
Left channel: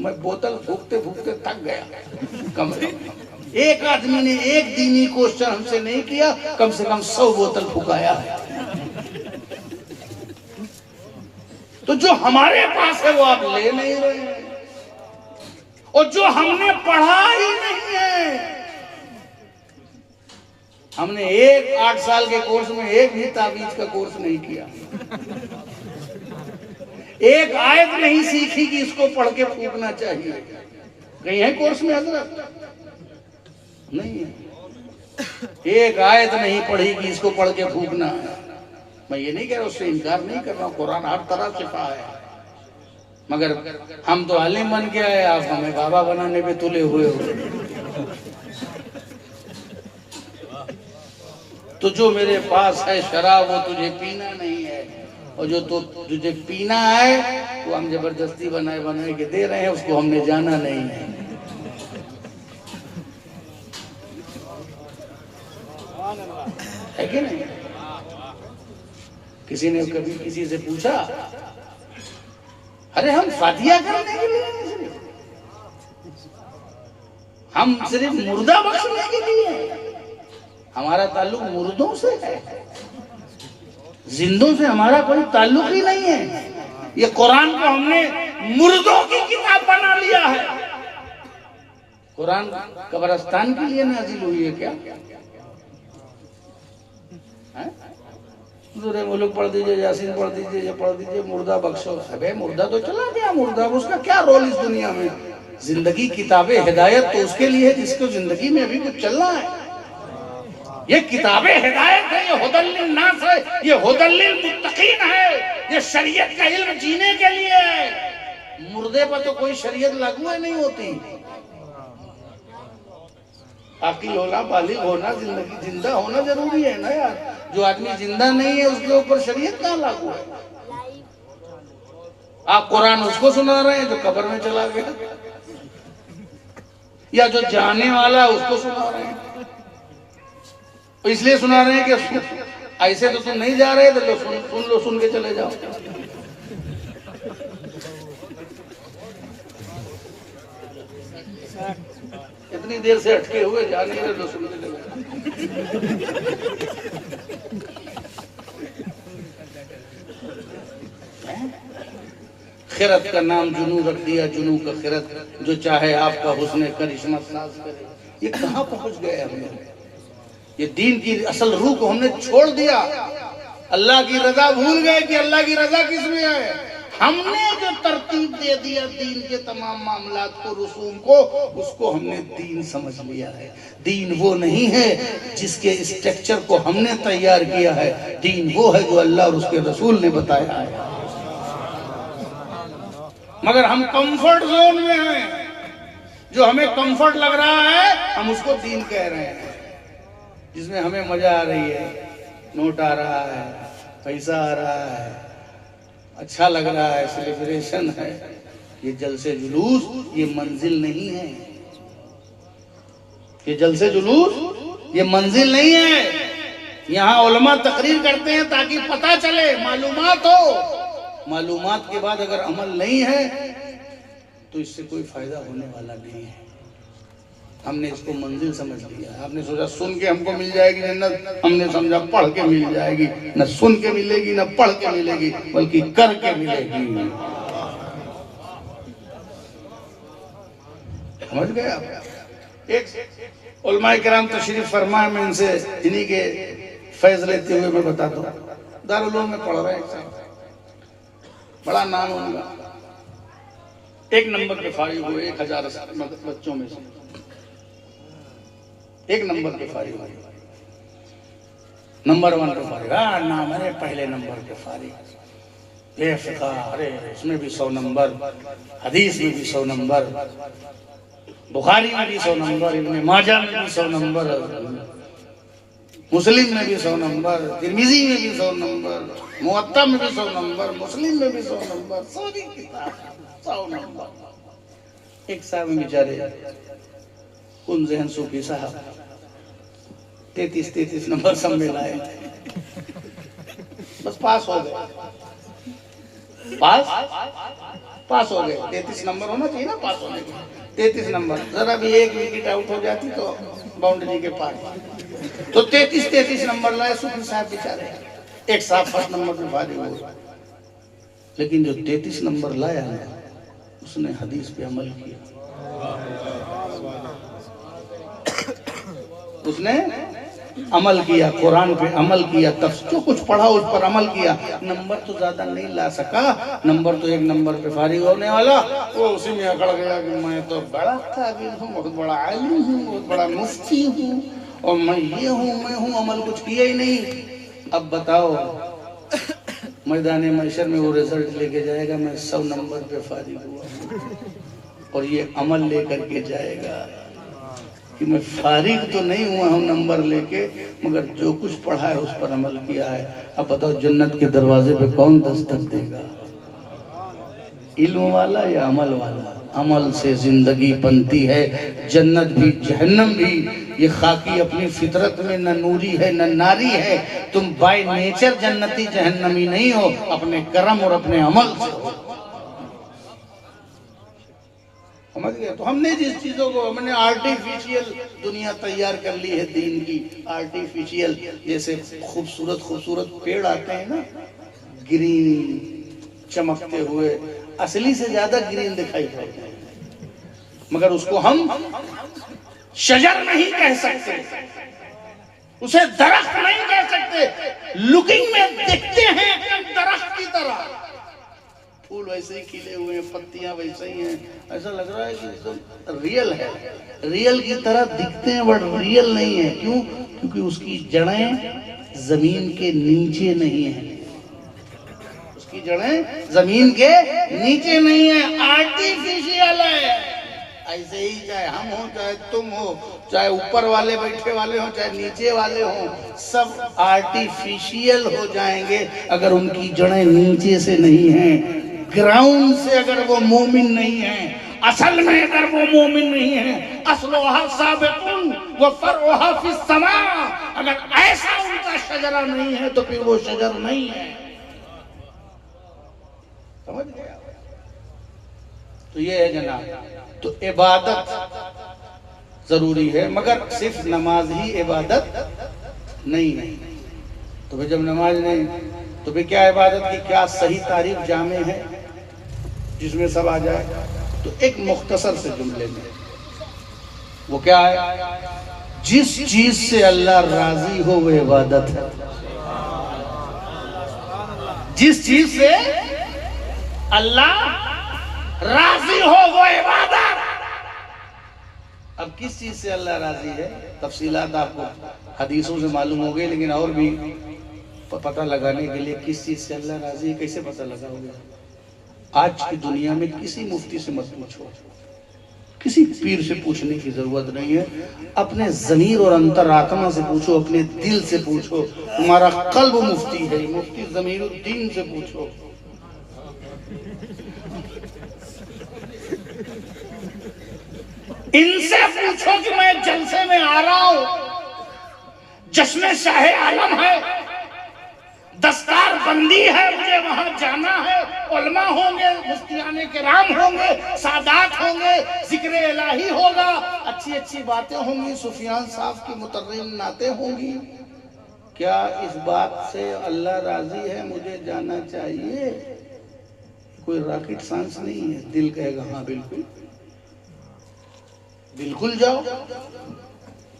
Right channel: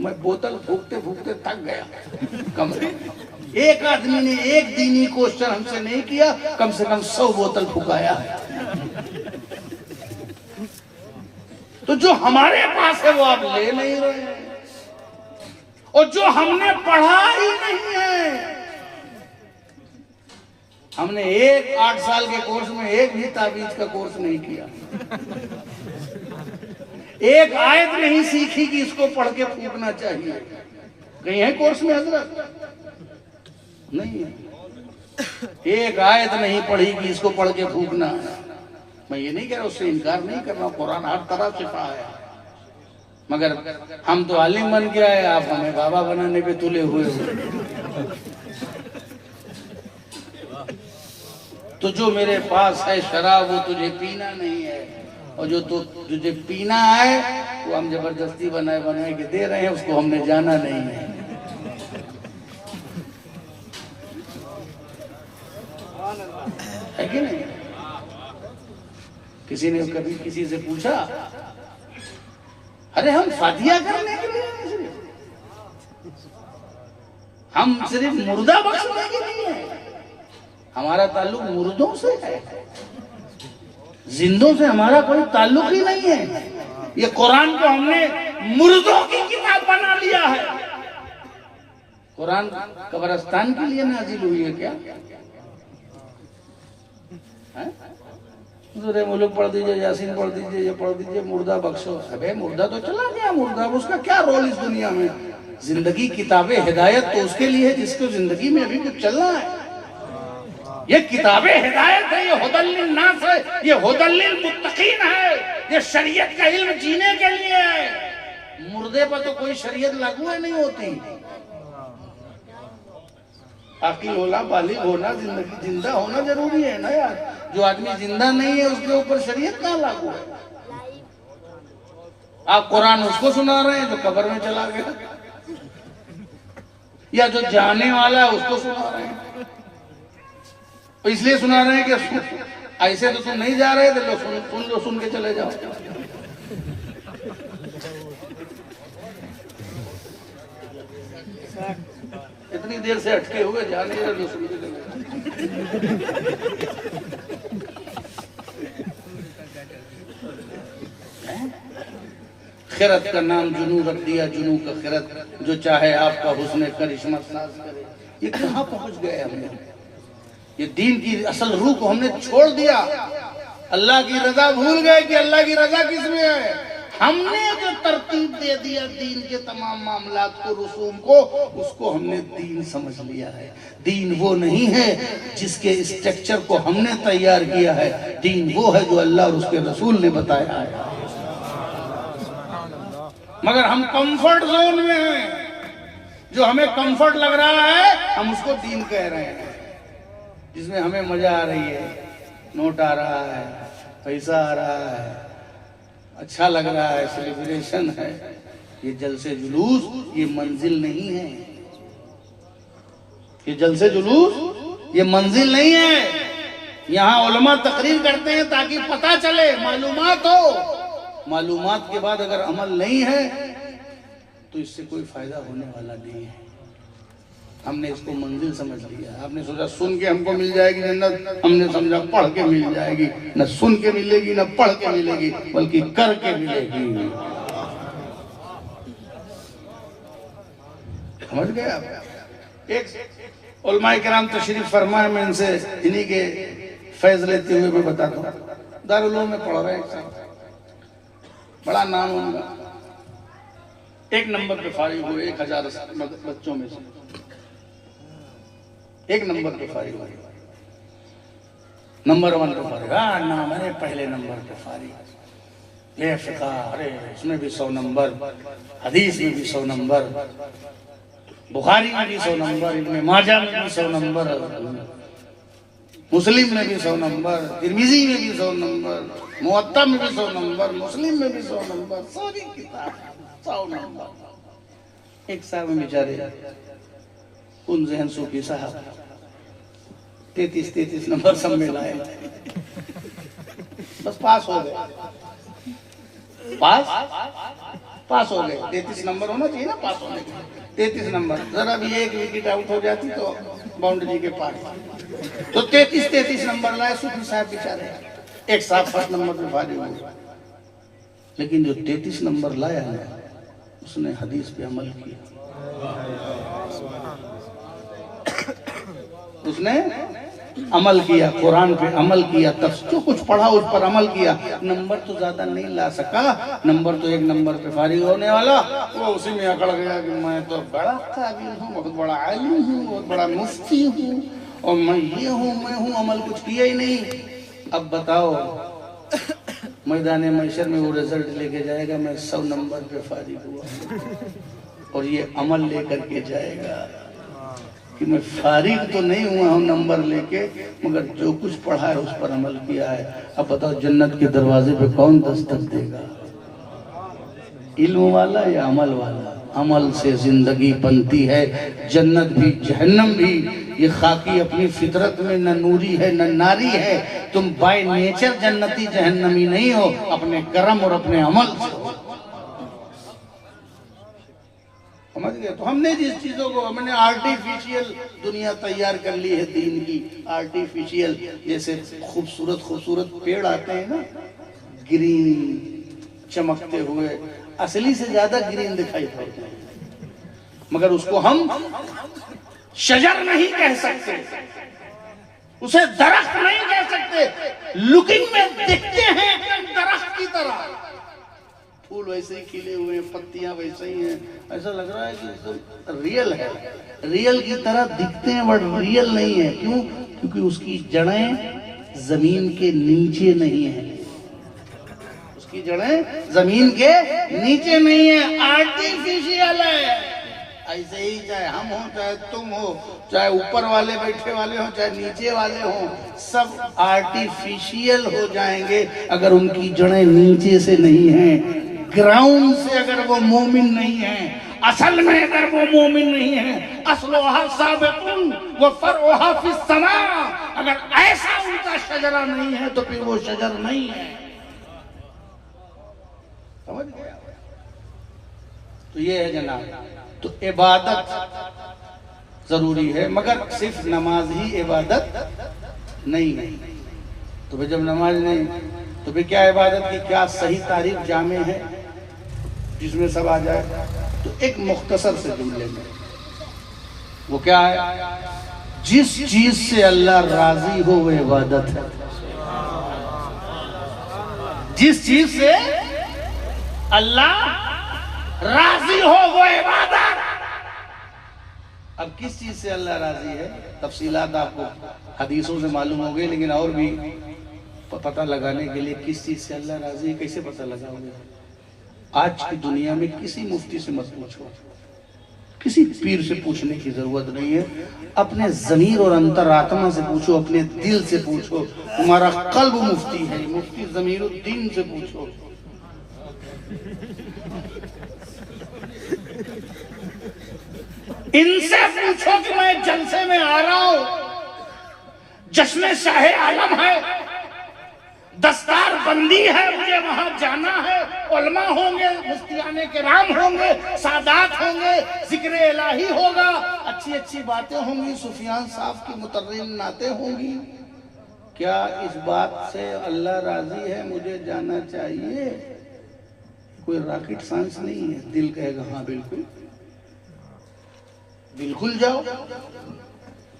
मैं बोतल फूकते फूकते थक गया। कम से कम एक आदमी ने एक दीनी क्वेश्चन हमसे नहीं किया, कम से कम 100 बोतल फुकाया है। तो जो हमारे पास है वो आप ले नहीं रहे, और जो हमने पढ़ा ही नहीं है। हमने 8 साल के कोर्स में एक भी ताबीज का कोर्स नहीं किया, एक आयत नहीं सीखी कि इसको पढ़ के फूकना चाहिए। कहीं है कोर्स में हजरत? नहीं है। एक आयत नहीं पढ़ी कि इसको पढ़ के फूकना है। मैं ये नहीं कह रहा, उससे इनकार नहीं कर रहा हूँ, कुरान हर तरह से पढ़ा है, मगर हम तो आलिम बन के आए, आप हमें बाबा बनाने पे तुले हुए हो। तो जो मेरे पास है शराब, वो तुझे पीना नहीं है, और जो तुझे पीना है वो हम जबरदस्ती बनाए के दे रहे हैं, उसको हमने जाना नहीं है। है कि नहीं? किसी ने कभी किसी से पूछा, अरे हम फातिहा करने के लिए, हम सिर्फ मुर्दा बख्शने के लिए, हमारा ताल्लुक मुर्दों से है, जिंदों से हमारा कोई ताल्लुक ही नहीं है। ये कुरान को हमने मुर्दों की किताब बना लिया है। कुरान कब्रिस्तान के लिए नाजिल हुई है क्या? दूसरे मुल्क पढ़ दीजिए, यासीन पढ़ दीजिए, ये पढ़ दीजिए, मुर्दा बख्शो। अबे मुर्दा तो चला गया, मुर्दा उसका क्या रोल इस दुनिया में? जिंदगी किताबे हिदायत तो उसके लिए है जिसको जिंदगी में अभी कुछ चलना है। ये किताबे हिदायत है, ये हुदल्लिल नास है, ये हुदल्लिल मुत्तकीन है, ये शरीयत का इल्म जीने के लिए है। मुर्दे पर तो कोई शरीयत लागू ही नहीं होती। अकील होना, बालिग होना, जिंदगी जिंदा होना जरूरी है ना यार। जो आदमी जिंदा नहीं है उसके ऊपर शरीयत कहाँ लागू है? आप कुरान उसको सुना रहे हैं जो कब्र में चला गया, या जो जाने वाला है उसको सुना रहे हैं। तो इसलिए सुना रहे हैं कि ऐसे तो तुम नहीं जा रहे थे, लो सुन लो, सुन के चले जाओ। इतनी देर से अटके हुए जा नहीं रहे, लो सुन के चले जाओ। खिरत का नाम जुनू रख दिया, जुनू का खिरत, जो चाहे आपका हुस्न करिश्मा साज करे। ये कहाँ पहुंच गए हमने? ये दीन की असल रूह को हमने छोड़ दिया। अल्लाह की रजा भूल गए कि अल्लाह की रजा किसमें है। हमने जो तरतीब दे दिया दीन के तमाम मामलात को, रसूम को, उसको हमने दीन समझ लिया है। दीन वो नहीं है जिसके स्ट्रक्चर को हमने तैयार किया है। दीन वो है जो अल्लाह और उसके रसूल ने बताया है। मगर हम कंफर्ट जोन में हैं, जो हमें कंफर्ट लग रहा है हम उसको दीन कह रहे हैं। जिसमें हमें मजा आ रही है, नोट आ रहा है, पैसा आ रहा है, अच्छा लग रहा है, सेलिब्रेशन है, ये जलसे जुलूस ये मंजिल नहीं है। ये जलसे जुलूस ये मंजिल नहीं है। यहाँ उलमा तकरीर करते हैं ताकि पता चले, मालूमात हो। मालूमात के बाद अगर अमल नहीं है तो इससे कोई फायदा होने वाला नहीं है। हमने इसको मंजिल समझ लिया। आपने सोचा सुन के हमको मिल जाएगी जन्नत, हमने समझा पढ़ के मिल जाएगी। न सुन के मिलेगी न पढ़ के मिलेगी, बल्कि कर के मिलेगी। समझ गए आप? एक उलमाए किराम तशरीफ फरमाए, मैं इनसे इन्हीं के फैज लेते हुए मैं बताता हूँ। दारुल उलूम में पढ़ रहे हैं, बड़ा नाम उनका, 1 नंबर पे फारिग हुए 1000 बच्चों में से 1 नंबर पे फारिग हुए। नंबर 1 पे फारिग, नाम है पहले नंबर पे फारिग। ये फिक़ा, अरे इसमें भी 100 नंबर, हदीस में भी 100 नंबर, बुखारी में भी 100 नंबर, इब्न माजा में भी 100 नंबर, मुस्लिम में भी 100 नंबर, तिरमिज़ी में भी 100 नंबर, मुअत्ता में भी 100 नंबर, मुस्लिम में भी 100 नंबर, सारी किताब 100 नंबर। एक साहब बेचारे उन जहन सूफी साहब 33 नंबर सब में लाए, बस पास हो गए। पास हो गए। 33 नंबर होना चाहिए ना पास होने के। 33 नंबर, जरा भी एक विकेट आउट हो जाती तो बाउंड्री के पार। तो 33 नंबर लाए सूफी साहब बेचारे। एक साहब 1 नंबर पे फारिग हुए, लेकिन जो 33 नंबर लाया है उसने हदीस पे अमल किया। उसने अमल किया, कुरान पे अमल किया, तब जो कुछ पढ़ा उस पर अमल किया। नंबर तो ज्यादा नहीं ला सका, नंबर तो 1 नंबर पे फारिग होने वाला, वो उसी में अकड़ गया कि मैं तो बड़ा काबिल हूँ, बहुत बड़ा आलिम हूँ, बहुत बड़ा मुफ्ती हूँ, और मैं ये हूँ, मैं हूँ, अमल कुछ किया ही नहीं। अब बताओ मैदान महशर में वो रिजल्ट लेके जाएगा, मैं 100 नंबर पे फारिग हुआ, और ये अमल लेकर के जाएगा कि मैं फारिग तो नहीं हुआ हूँ नंबर लेके, मगर जो कुछ पढ़ा है उस पर अमल किया है। अब बताओ जन्नत के दरवाजे पे कौन दस्तक देगा? इल्म वाला या अमल वाला? अमल से जिंदगी बनती है, जन्नत भी जहन्नम भी। ये खाकी अपनी फितरत में न नूरी है न नारी है। तुम बाय नेचर जन्नती जहन्नमी नहीं हो, अपने कर्म और अपने अमल से हो। समझ गए? तो हमने जिस चीजों को हमने आर्टिफिशियल दुनिया तैयार कर ली है दीन की, आर्टिफिशियल, जैसे खूबसूरत खूबसूरत पेड़ आते हैं ना, ग्रीन चमकते हुए, असली से ज्यादा ग्रीन दिखाई पड़ते हैं, मगर उसको हम शजर नहीं कह सकते, उसे दरख्त नहीं कह सकते। लुकिंग में दिखते हैं एकदम दरख्त की तरह, फूल वैसे ही खिले हुए हैं, पत्तियां वैसे ही हैं, ऐसा लग रहा है कि एकदम रियल है, रियल की तरह दिखते हैं बट रियल नहीं है। क्यों? क्योंकि उसकी जड़ें जमीन के नीचे नहीं है, उसकी जड़ें जमीन के नीचे नहीं है, आर्टिफिशियल है। ऐसे ही चाहे हम हो, चाहे तुम हो, चाहे ऊपर वाले बैठे वाले हो, चाहे नीचे वाले हो, सब आर्टिफिशियल हो जाएंगे अगर उनकी जड़ें नीचे से नहीं हैं, ग्राउंड से अगर वो मोमिन नहीं है, असल में अगर वो मोमिन नहीं है, अस्लुहा साबिकुन व फरउहा फिस समा, अगर ऐसा उनका शजरा नहीं है तो फिर वो शजर नहीं है। समझ गया? तो ये है जनाब, तो इबादत जरूरी है, मगर सिर्फ नमाज ही इबादत नहीं है। तो फिर जब नमाज नहीं, तो फिर क्या इबादत की क्या सही तारीफ जामे है जिसमें सब आ जाए? तो एक मुख्तसर से जुमले में, वो क्या है? जिस चीज से अल्लाह राजी हो वो इबादत है। जिस चीज से अल्लाह राजी हो वो इबादत। अब किस चीज से अल्लाह राजी है, तफसीलात आपको हदीसों से मालूम हो गई, लेकिन और भी पता लगाने के लिए किस चीज से अल्लाह राजी है कैसे पता लगाओगे? आज की दुनिया में किसी मुफ्ती से मत पूछो, किसी पीर से पूछने की जरूरत नहीं है, अपने ज़मीर और अंतरात्मा से पूछो, अपने दिल से पूछो। तुम्हारा कल्ब मुफ्ती है, मुफ्ती ज़मीरुद्दीन से पूछो। इनसे पूछो कि मैं जलसे में आ रहा हूं, जश्न शाहे आलम है, दस्तार बंदी है, मुझे वहां जाना है, उलमा होंगे, मुफ्तियाने किराम होंगे, सादात होंगे, जिक्र इलाही होगा, अच्छी अच्छी बातें होंगी, सुफियान साहब की मुतर्रिम नाते होंगी। क्या इस बात से अल्लाह राजी है मुझे जाना चाहिए? कोई रॉकेट साइंस नहीं है। दिल कहेगा हाँ बिल्कुल बिल्कुल जाओ,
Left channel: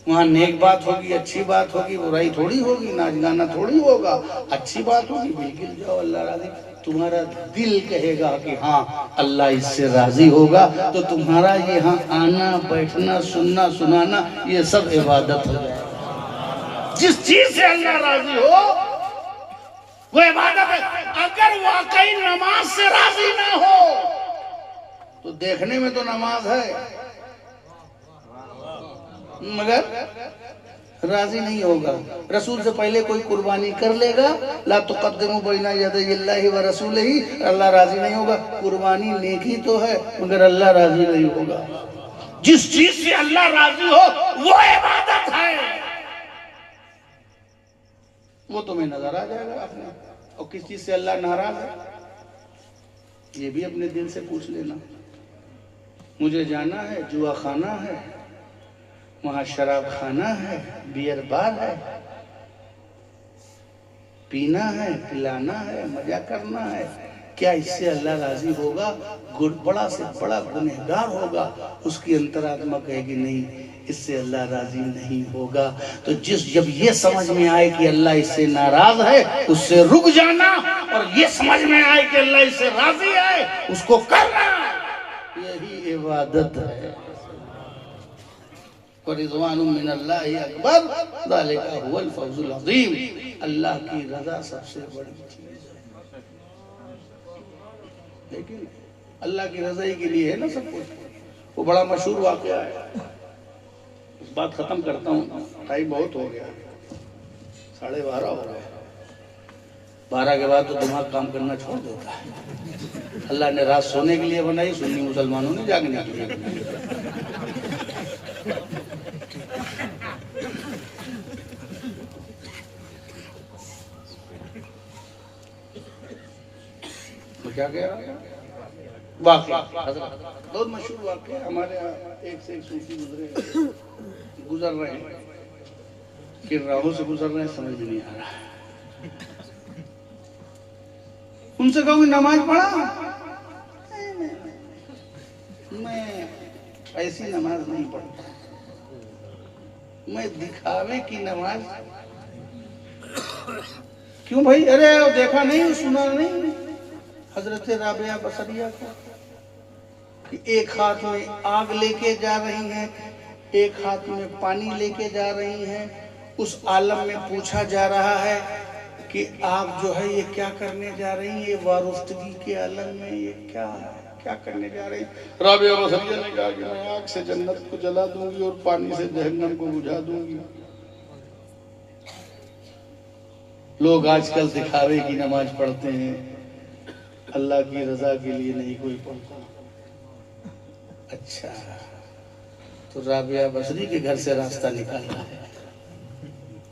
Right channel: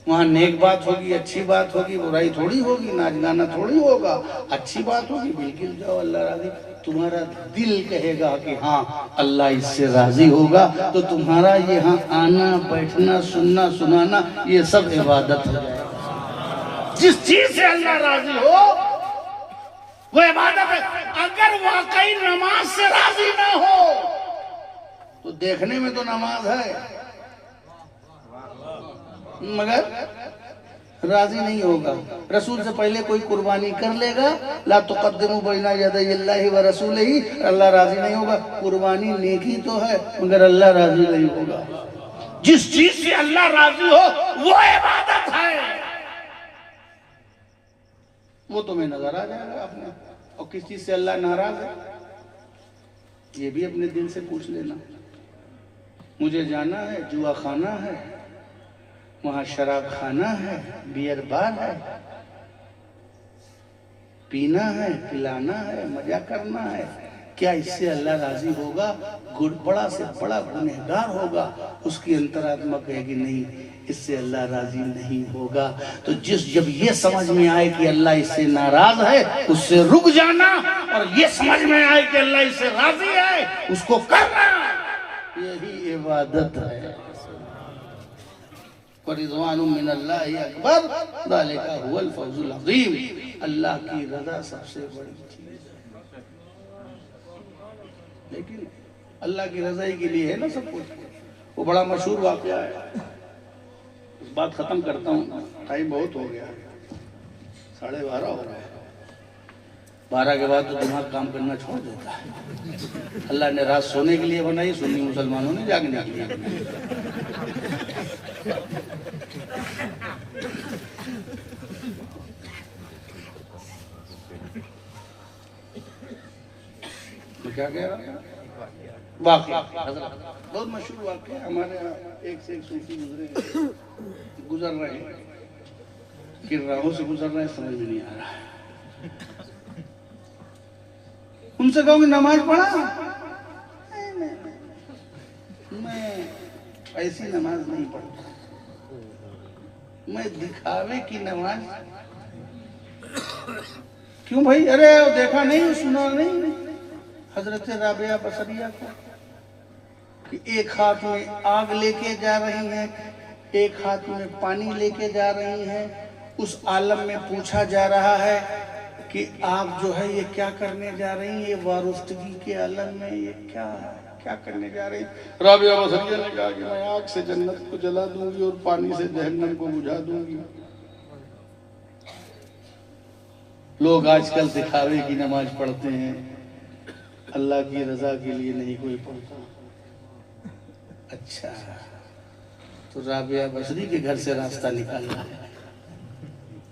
वहां नेक बात होगी, अच्छी बात होगी, बुराई थोड़ी होगी, नाच गाना थोड़ी होगा, अच्छी बात होगी, बिल्कुल जाओ, अल्लाह राजी। तुम्हारा दिल कहेगा कि हाँ अल्लाह इससे राजी होगा, तो तुम्हारा यहाँ आना बैठना सुनना सुनाना ये सब इबादत हो जाए। जिस चीज से अल्लाह राजी हो वो इबादत है। अगर वाकई नमाज से राजी ना हो तो देखने में तो नमाज है मगर राजी नहीं होगा। रसूल से पहले कोई कुर्बानी कर लेगा, ला तुक़द्दिमू बैना यदैहिल्लाहि व रसूलिही, अल्लाह राजी नहीं होगा। कुर्बानी नेकी तो है मगर अल्लाह राजी नहीं होगा। जिस चीज से अल्लाह राजी हो वो इबादत है, वो तुम्हें नजर आ जाएगा अपने। और किस चीज से अल्लाह नाराज है ये भी अपने दिल से पूछ लेना। मुझे जाना है, जुआ खाना है, वहां शराब खाना है, बियर बार है, पीना है, पिलाना है, मजा करना है, क्या इससे अल्लाह राजी होगा? बड़ा से बड़ा गुनहगार होगा, उसकी अंतरात्मा कहेगी नहीं इससे अल्लाह राजी नहीं होगा। तो जब ये समझ में आए कि अल्लाह इससे नाराज है उससे रुक जाना, और ये समझ में आए कि अल्लाह इससे राजी है उसको करना, यही इबादत है। रिज़वानुम मिनल्लाहि अकबर ज़ालिका हुवल फौज़ुल अज़ीम। अल्लाह की रज़ा सबसे बड़ी चीज है। लेकिन अल्लाह की रज़ा के लिए है ना सब कुछ। वो बड़ा मशहूर वाक़या है, उस बात खत्म करता हूँ, टाइम बहुत हो गया, 12:30 हो रहा है। 12 के बाद तो दिमाग काम करना छोड़ देता है। अल्लाह ने रात सोने के लिए बनाई, सुन्नी मुसलमानों ने जागने के लिए बनाई। क्या कह रहा है? बाकी बहुत मशहूर वाक़या हमारे यहाँ, एक से एक सूफी गुजर रहे हैं, किन राहों से गुजर रहे हैं समझ में नहीं आ रहा है। उनसे कहोगे नमाज पढ़ा? मैं ऐसी नमाज नहीं पढ़ता, मैं दिखावे की नमाज। क्यों भाई? अरे वो देखा नहीं, सुना नहीं हजरत राबिया बसरिया को कि एक हाथ में आग लेके जा रही हैं, एक हाथ में पानी लेके जा रही हैं। उस आलम में पूछा जा रहा है कि आप जो है ये क्या करने जा रही हैं, ये वारुस्तगी के आलम में ये क्या करने जा रही हैं? राबिया बसरिया ने कहा कि मैं आग से जन्नत को जला दूंगी और पानी से जहन्नम को बुझा दूंगी। लोग आजकल दिखावे की नमाज पढ़ते हैं, अल्लाह की रजा के लिए नहीं कोई पढ़ता। अच्छा, तो राबिया बसरी के घर से रास्ता निकालना है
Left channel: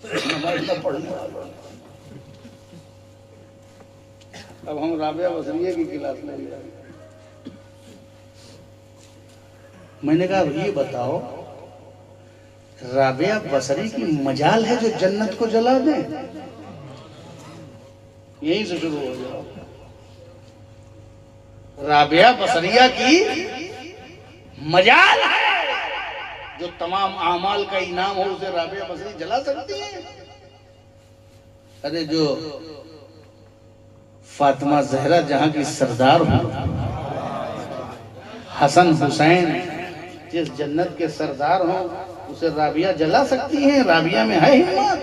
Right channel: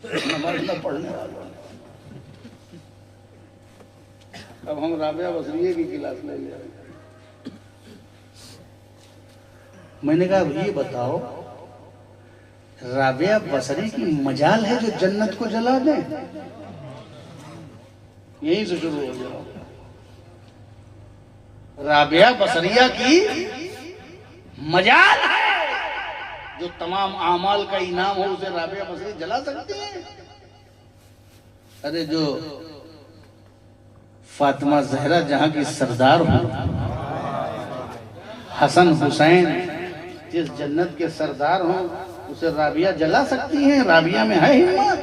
नमाज न पढ़ने वालों। अब हम राबिया बसरिया की क्लास में जा रहे हैं। मैंने कहा ये बताओ, राबिया बसरी की मजाल है जो जन्नत को जला दे? यही से शुरू हो गया। राबिया बसरिया की मजाल है जो तमाम आमाल का इनाम हो उसे राबिया बसरी जला सकती है। अरे जो फातिमा जहरा जहां की सरदार हो, हसन हुसैन जिस जन्नत के सरदार हो, उसे राबिया जला सकती हैं? राबिया में है हिम्मत?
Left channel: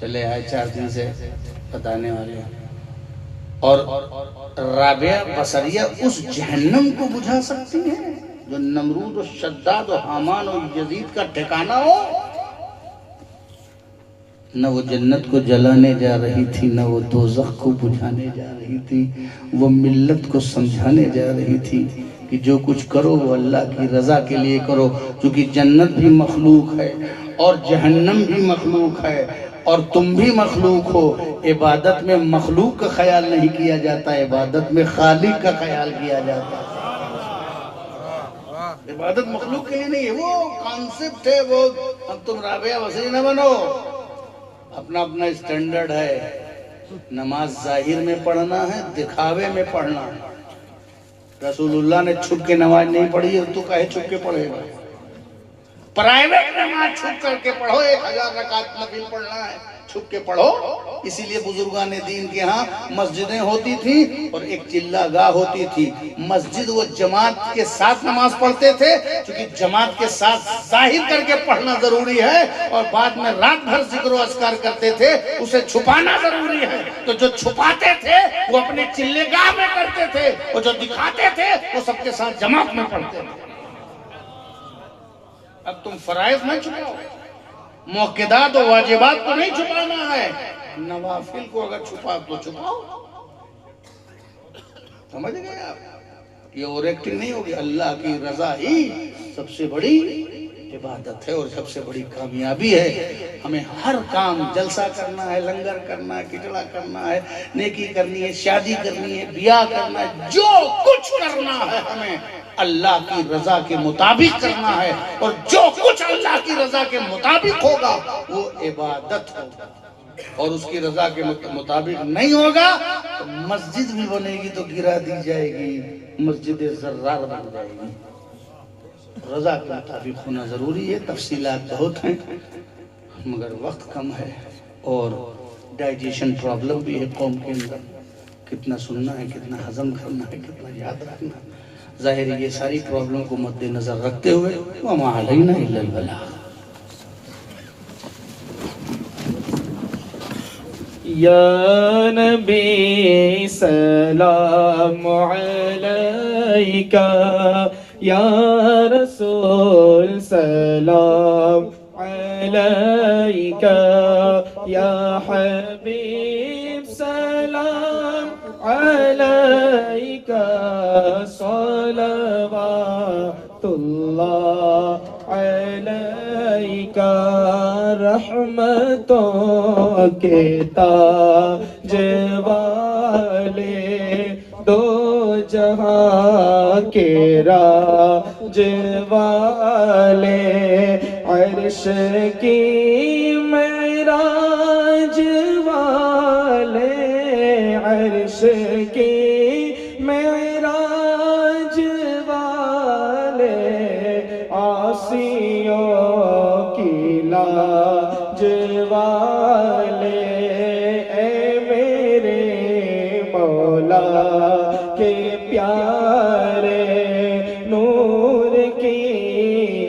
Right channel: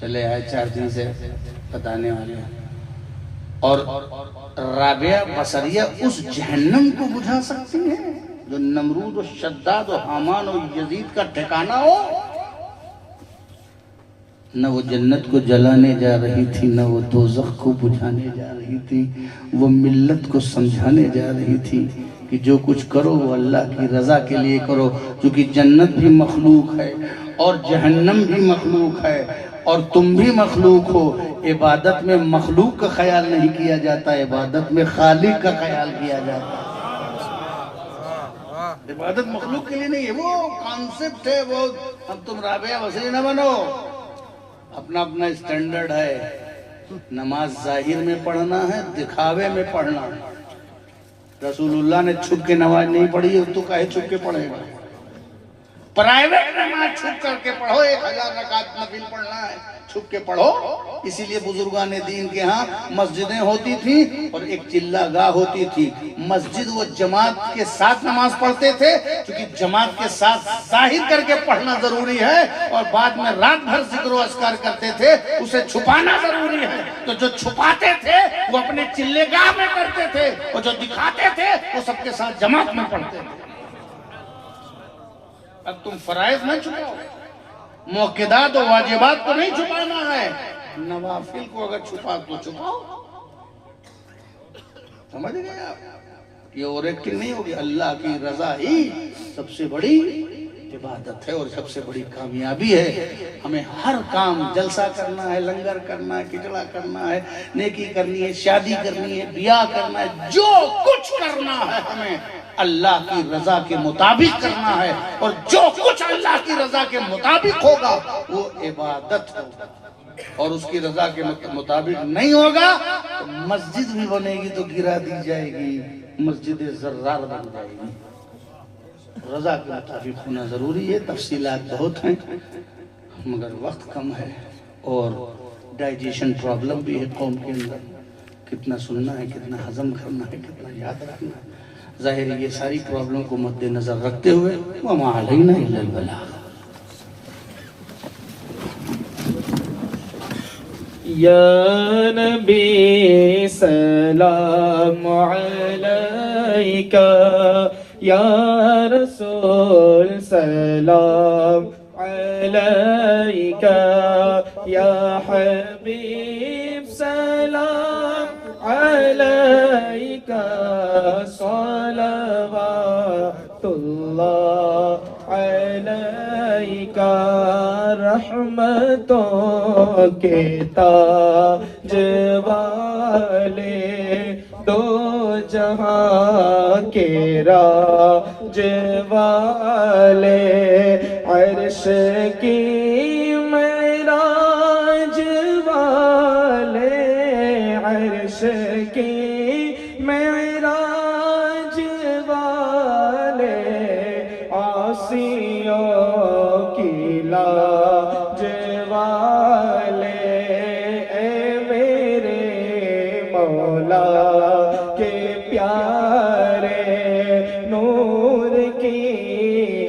चले आए 4 दिन से बताने वाले। और राबिया बसरिया उस जहन्नम को बुझा सकती है जो नमरूद और शद्दाद और हामान और यजीद का ठिकाना हो। न वो जन्नत को जलाने जा रही थी, न वो दोज़ख को बुझाने जा रही थी, वो मिल्लत को समझाने जा रही थी कि जो कुछ करो वो अल्लाह की रजा के लिए करो, क्योंकि जन्नत भी मखलूक है और जहन्नम भी मखलूक है और तुम भी मखलूक हो। इबादत में मखलूक का ख्याल नहीं किया जाता, इबादत में खालिक का ख्याल किया जाता है। इबादत मखलूक के लिए नहीं है, वो कॉन्सेप्ट है। वो अब तुम राबिया बसरी न बनो, अपना अपना स्टैंडर्ड है। नमाज जाहिर में पढ़ना है, दिखावे में पढ़ना है। रसूलुल्लाह ने छुप के नमाज नहीं पढ़ी और तू काहे छुप के पढ़ेगा? प्राइवेट नमाज छुप करके पढ़ो, 1000 रकात नफिल पढ़ना है, छुप के पढ़ो। इसीलिए बुजुर्गान दीन के यहाँ मस्जिदें होती थी और एक चिल्लागाह होती थी। मस्जिद वो जमात के साथ नमाज पढ़ते थे, क्योंकि जमात के साथ जाहिर करके पढ़ना जरूरी है, और बाद में रात भर जिक्र अस्कार करते थे, उसे छुपाना जरूरी है। तो जो छुपाते थे वो अपने चिल्लेगाह में करते थे, और जो दिखाते थे वो सबके साथ जमात में पढ़ते थे। अब तुम फराइज नहीं छुपाओ, मौक़िदात और वाजिबात को नहीं छुपाना है, नवाफिल को अगर छुपा तो छुपाओ। समझ गए आप? ये और एक्टिंग नहीं होगी। अल्लाह की रजा ही सबसे बड़ी इबादत है और सबसे बड़ी कामयाबी है। हमें हर काम, जलसा करना है, लंगर करना है, किचड़ा करना है, नेकी करनी है, शादी करनी है, ब्याह करना है, जो कुछ करना है हमें अल्लाह की रजा के मुताबिक करना है। और जो कुछ अल्लाह की रजा के मुताबिक होगा वो इबादत होगा, और उसकी रजा के मुताबिक नहीं होगा तो मस्जिद भी बनेगी तो गिरा दी जाएगी, मस्जिद जर्रार बन जाएगी। रजा के मुताबिक होना जरूरी है। तफसीलात बहुत हैं मगर वक्त कम है, और डाइजेशन प्रॉब्लम भी है कौम के अंदर। कितना सुनना है, कितना हजम करना है, कितना याद रखना है। जाहिर ये सारी प्रॉब्लम को मद्देनजर रखते हुए वमा अलैना इल्लल बलाग। या नबी सलाम अलैका, या रसूल सलाम अलैका, या हबीब सलाम अलैका, सलवातुल्लाह अलैका। रहमतों के ताज वाले दो जहां के राजवाले, अर्श की मेराज वाले, अर्श की मेराज वाले, आसियों की लाज वाले, ऐ मेरे मौला के प्यारे, नूर की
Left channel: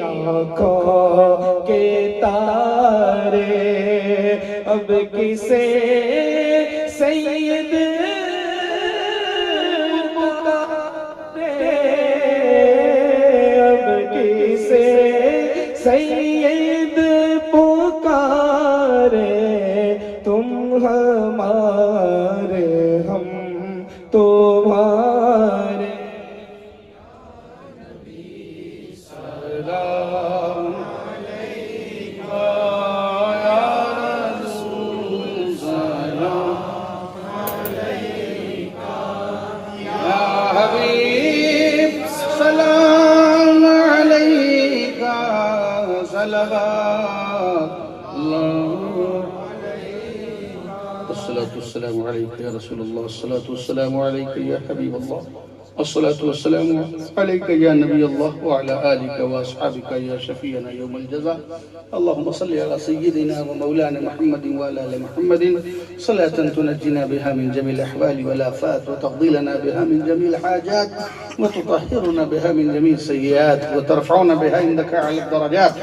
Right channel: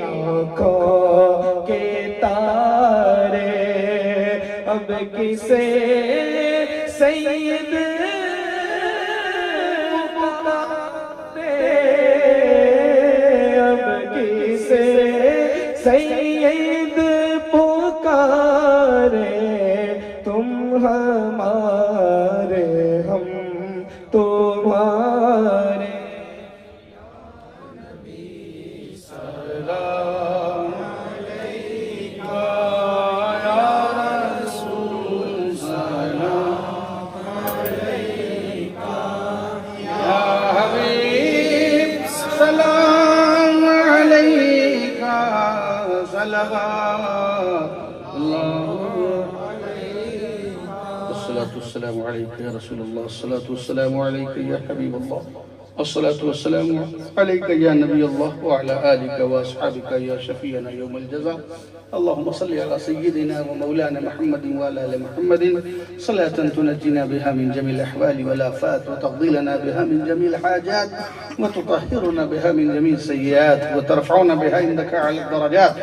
आँखों के तारे, अब किसे सैयद पुकारे, अब किसे सैयद पुकारे, तुम हमारे हम तुम्हारे। सलाम अलैका या रसूल, सलाम अलैका या हबीब, सलाम अलैका, सलावत वस्सलामु अलैका या रसूलल्लाह, अस्सलातु वस्सलामु अलैका या हबीबल्लाह, अस्सलातु वस्सलामु अलैका या नबीयल्लाह व अला आलिका व अस्हाबिका या शफीअना यौमल जज़ा। अल्लाहुम्मा सल्लि अला सय्यिदिना व मौलाना मुहम्मदिन व अला आलि मुहम्मदिन सलातन तुनज्जिना बिहा मिन जमील अहवालि वल आफात व तग़दिलना बिहा मिन जमील हाजात व तुतahhiruna बिहा मिन जमील सय्यिआत व तरफ़उना बिहा इंदका अला दरजात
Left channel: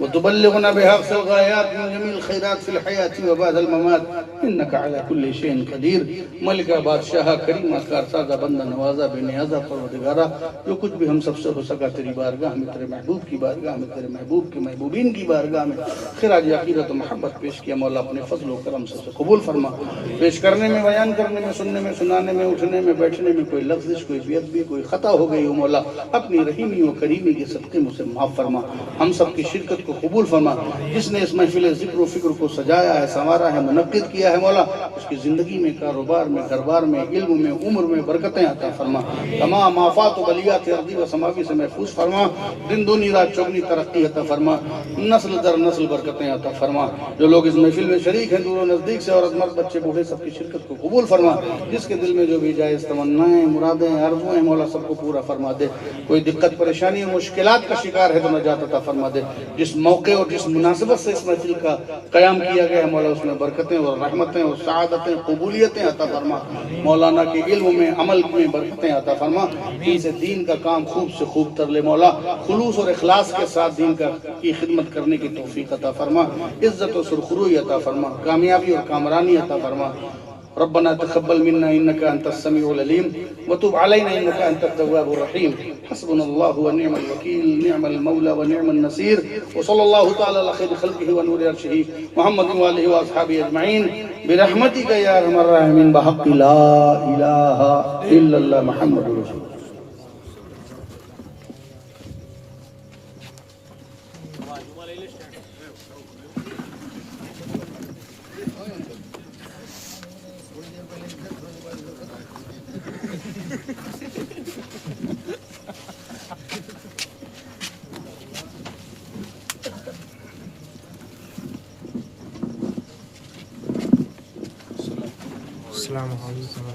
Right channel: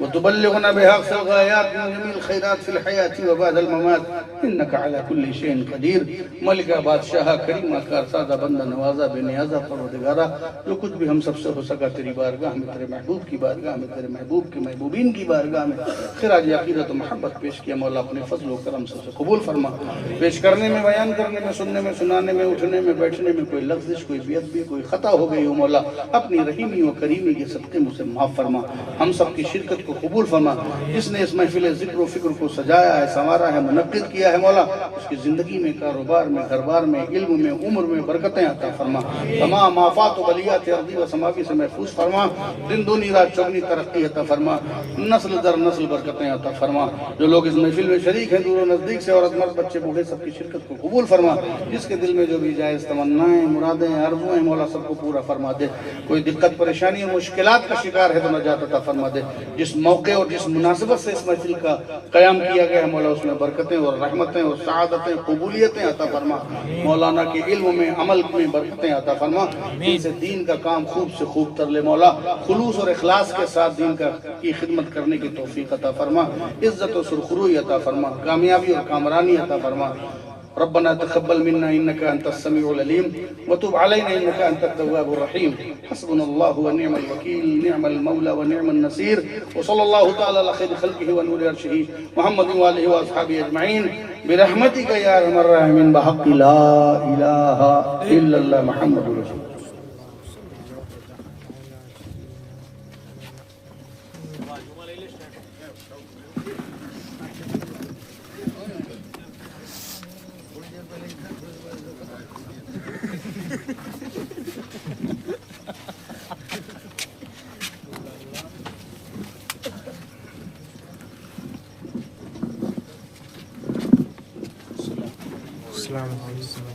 व तुबल्लिगुना बिहा अक़सल गायात मिन जमील खैरात फिल हयात व बअदल ममात इन्नका अला कुल्लि शैइन क़दीर। मलिका बादशाह करीम कारसाज़ा बंदा नवाज़ा बेनियाज़ा परवरदिगारा, जो कुछ भी हम सबसे हो सका तेरी बारगाह में, तेरे महबूब की बारगाह में, तेरे महबूब के महबूबीन की बारगाह में खिराज अक़ीदत व मोहब्बत पेश किया। मौला अपने फज़ल व करम सबसे कबूल फरमा। पेश करने में, बयान करने में, सुनने में, सुनाने में, उठने में, बैठने में कोई लफ्ज़िश, कोई बेअदबी, कोई खता हो गई हो मौला अपनी रहीमी व करीमी के सदक़े मुझसे माफ़ फरमा। हम सब की शिरकत को कबूल फरमा। जिसने इस महफिल ज़िक्र व फ़िक्र को सजाया है, संवारा है, मुनक़्क़िद किया है मौला, उसकी ज़िंदगी में, कारोबार में, घरबार में, इल्म में, उम्र में बरकतें अता फरमा। तमाम आफात व बलियात अर्दी व समावी से महफूज फरमा। दिन दूनी रात चौगनी तरक्की अता फरमा। नस्ल दर नस्ल बरकतें अता फरमा। जो लोग इस महफिल में शरीक हैं, दूर नज़दीक से, औरत मर्द बच्चे बूढ़े, सबकी शिरकत को कबूल फरमा। जिसके दिल में जो भी जायज़ तमन्नाएं, मुरादें, आरज़ुएं मौला सबको पूरा फरमा दे। कोई दिक्कत परेशानी और मुश्किलात का शिकार है तो नजात अता फरमा दे। जिस मौके और जिस मुनासिबत से इस महफिल का क़याम किया गया मौला, उसमें बरकतें और रहमतें और सआदतें, कबूलियतें अता फरमा। मौलाना के इल्म में, अमल में बरकतें अता फरमा। इनसे दीन का काम खूब से खूब कर ले मौला। खुलूस और इखलास के साथ दीन का की खिदमत करने की तौफीक अता फरमा। इज्जत और सुरखुरुई अता फरमा। कामयाबी और कामरानी अता फरमा। रब्बना तक़ब्बल मिन्ना इन्नका अंतस समीउल अलीम व तुब अलैना इन्नका अंतत तव्वाबुर रहीम। हस्बुनल्लाहु व निअमल वकील, निअमल मौला व निअमन नसीर। व सल्लल्लाहु तआला अला खैरि खल्क़िही व नूरि अर्शिही मुहम्मदिन व आलिहि व अस्हाबिही अजमईन बिरहमतिका या अरहमर राहिमीन बिहक़्क़ि ला इलाहा इल्लल्लाह मुहम्मदुर रसूलुल्लाह। अस्सलामु अलैकुम।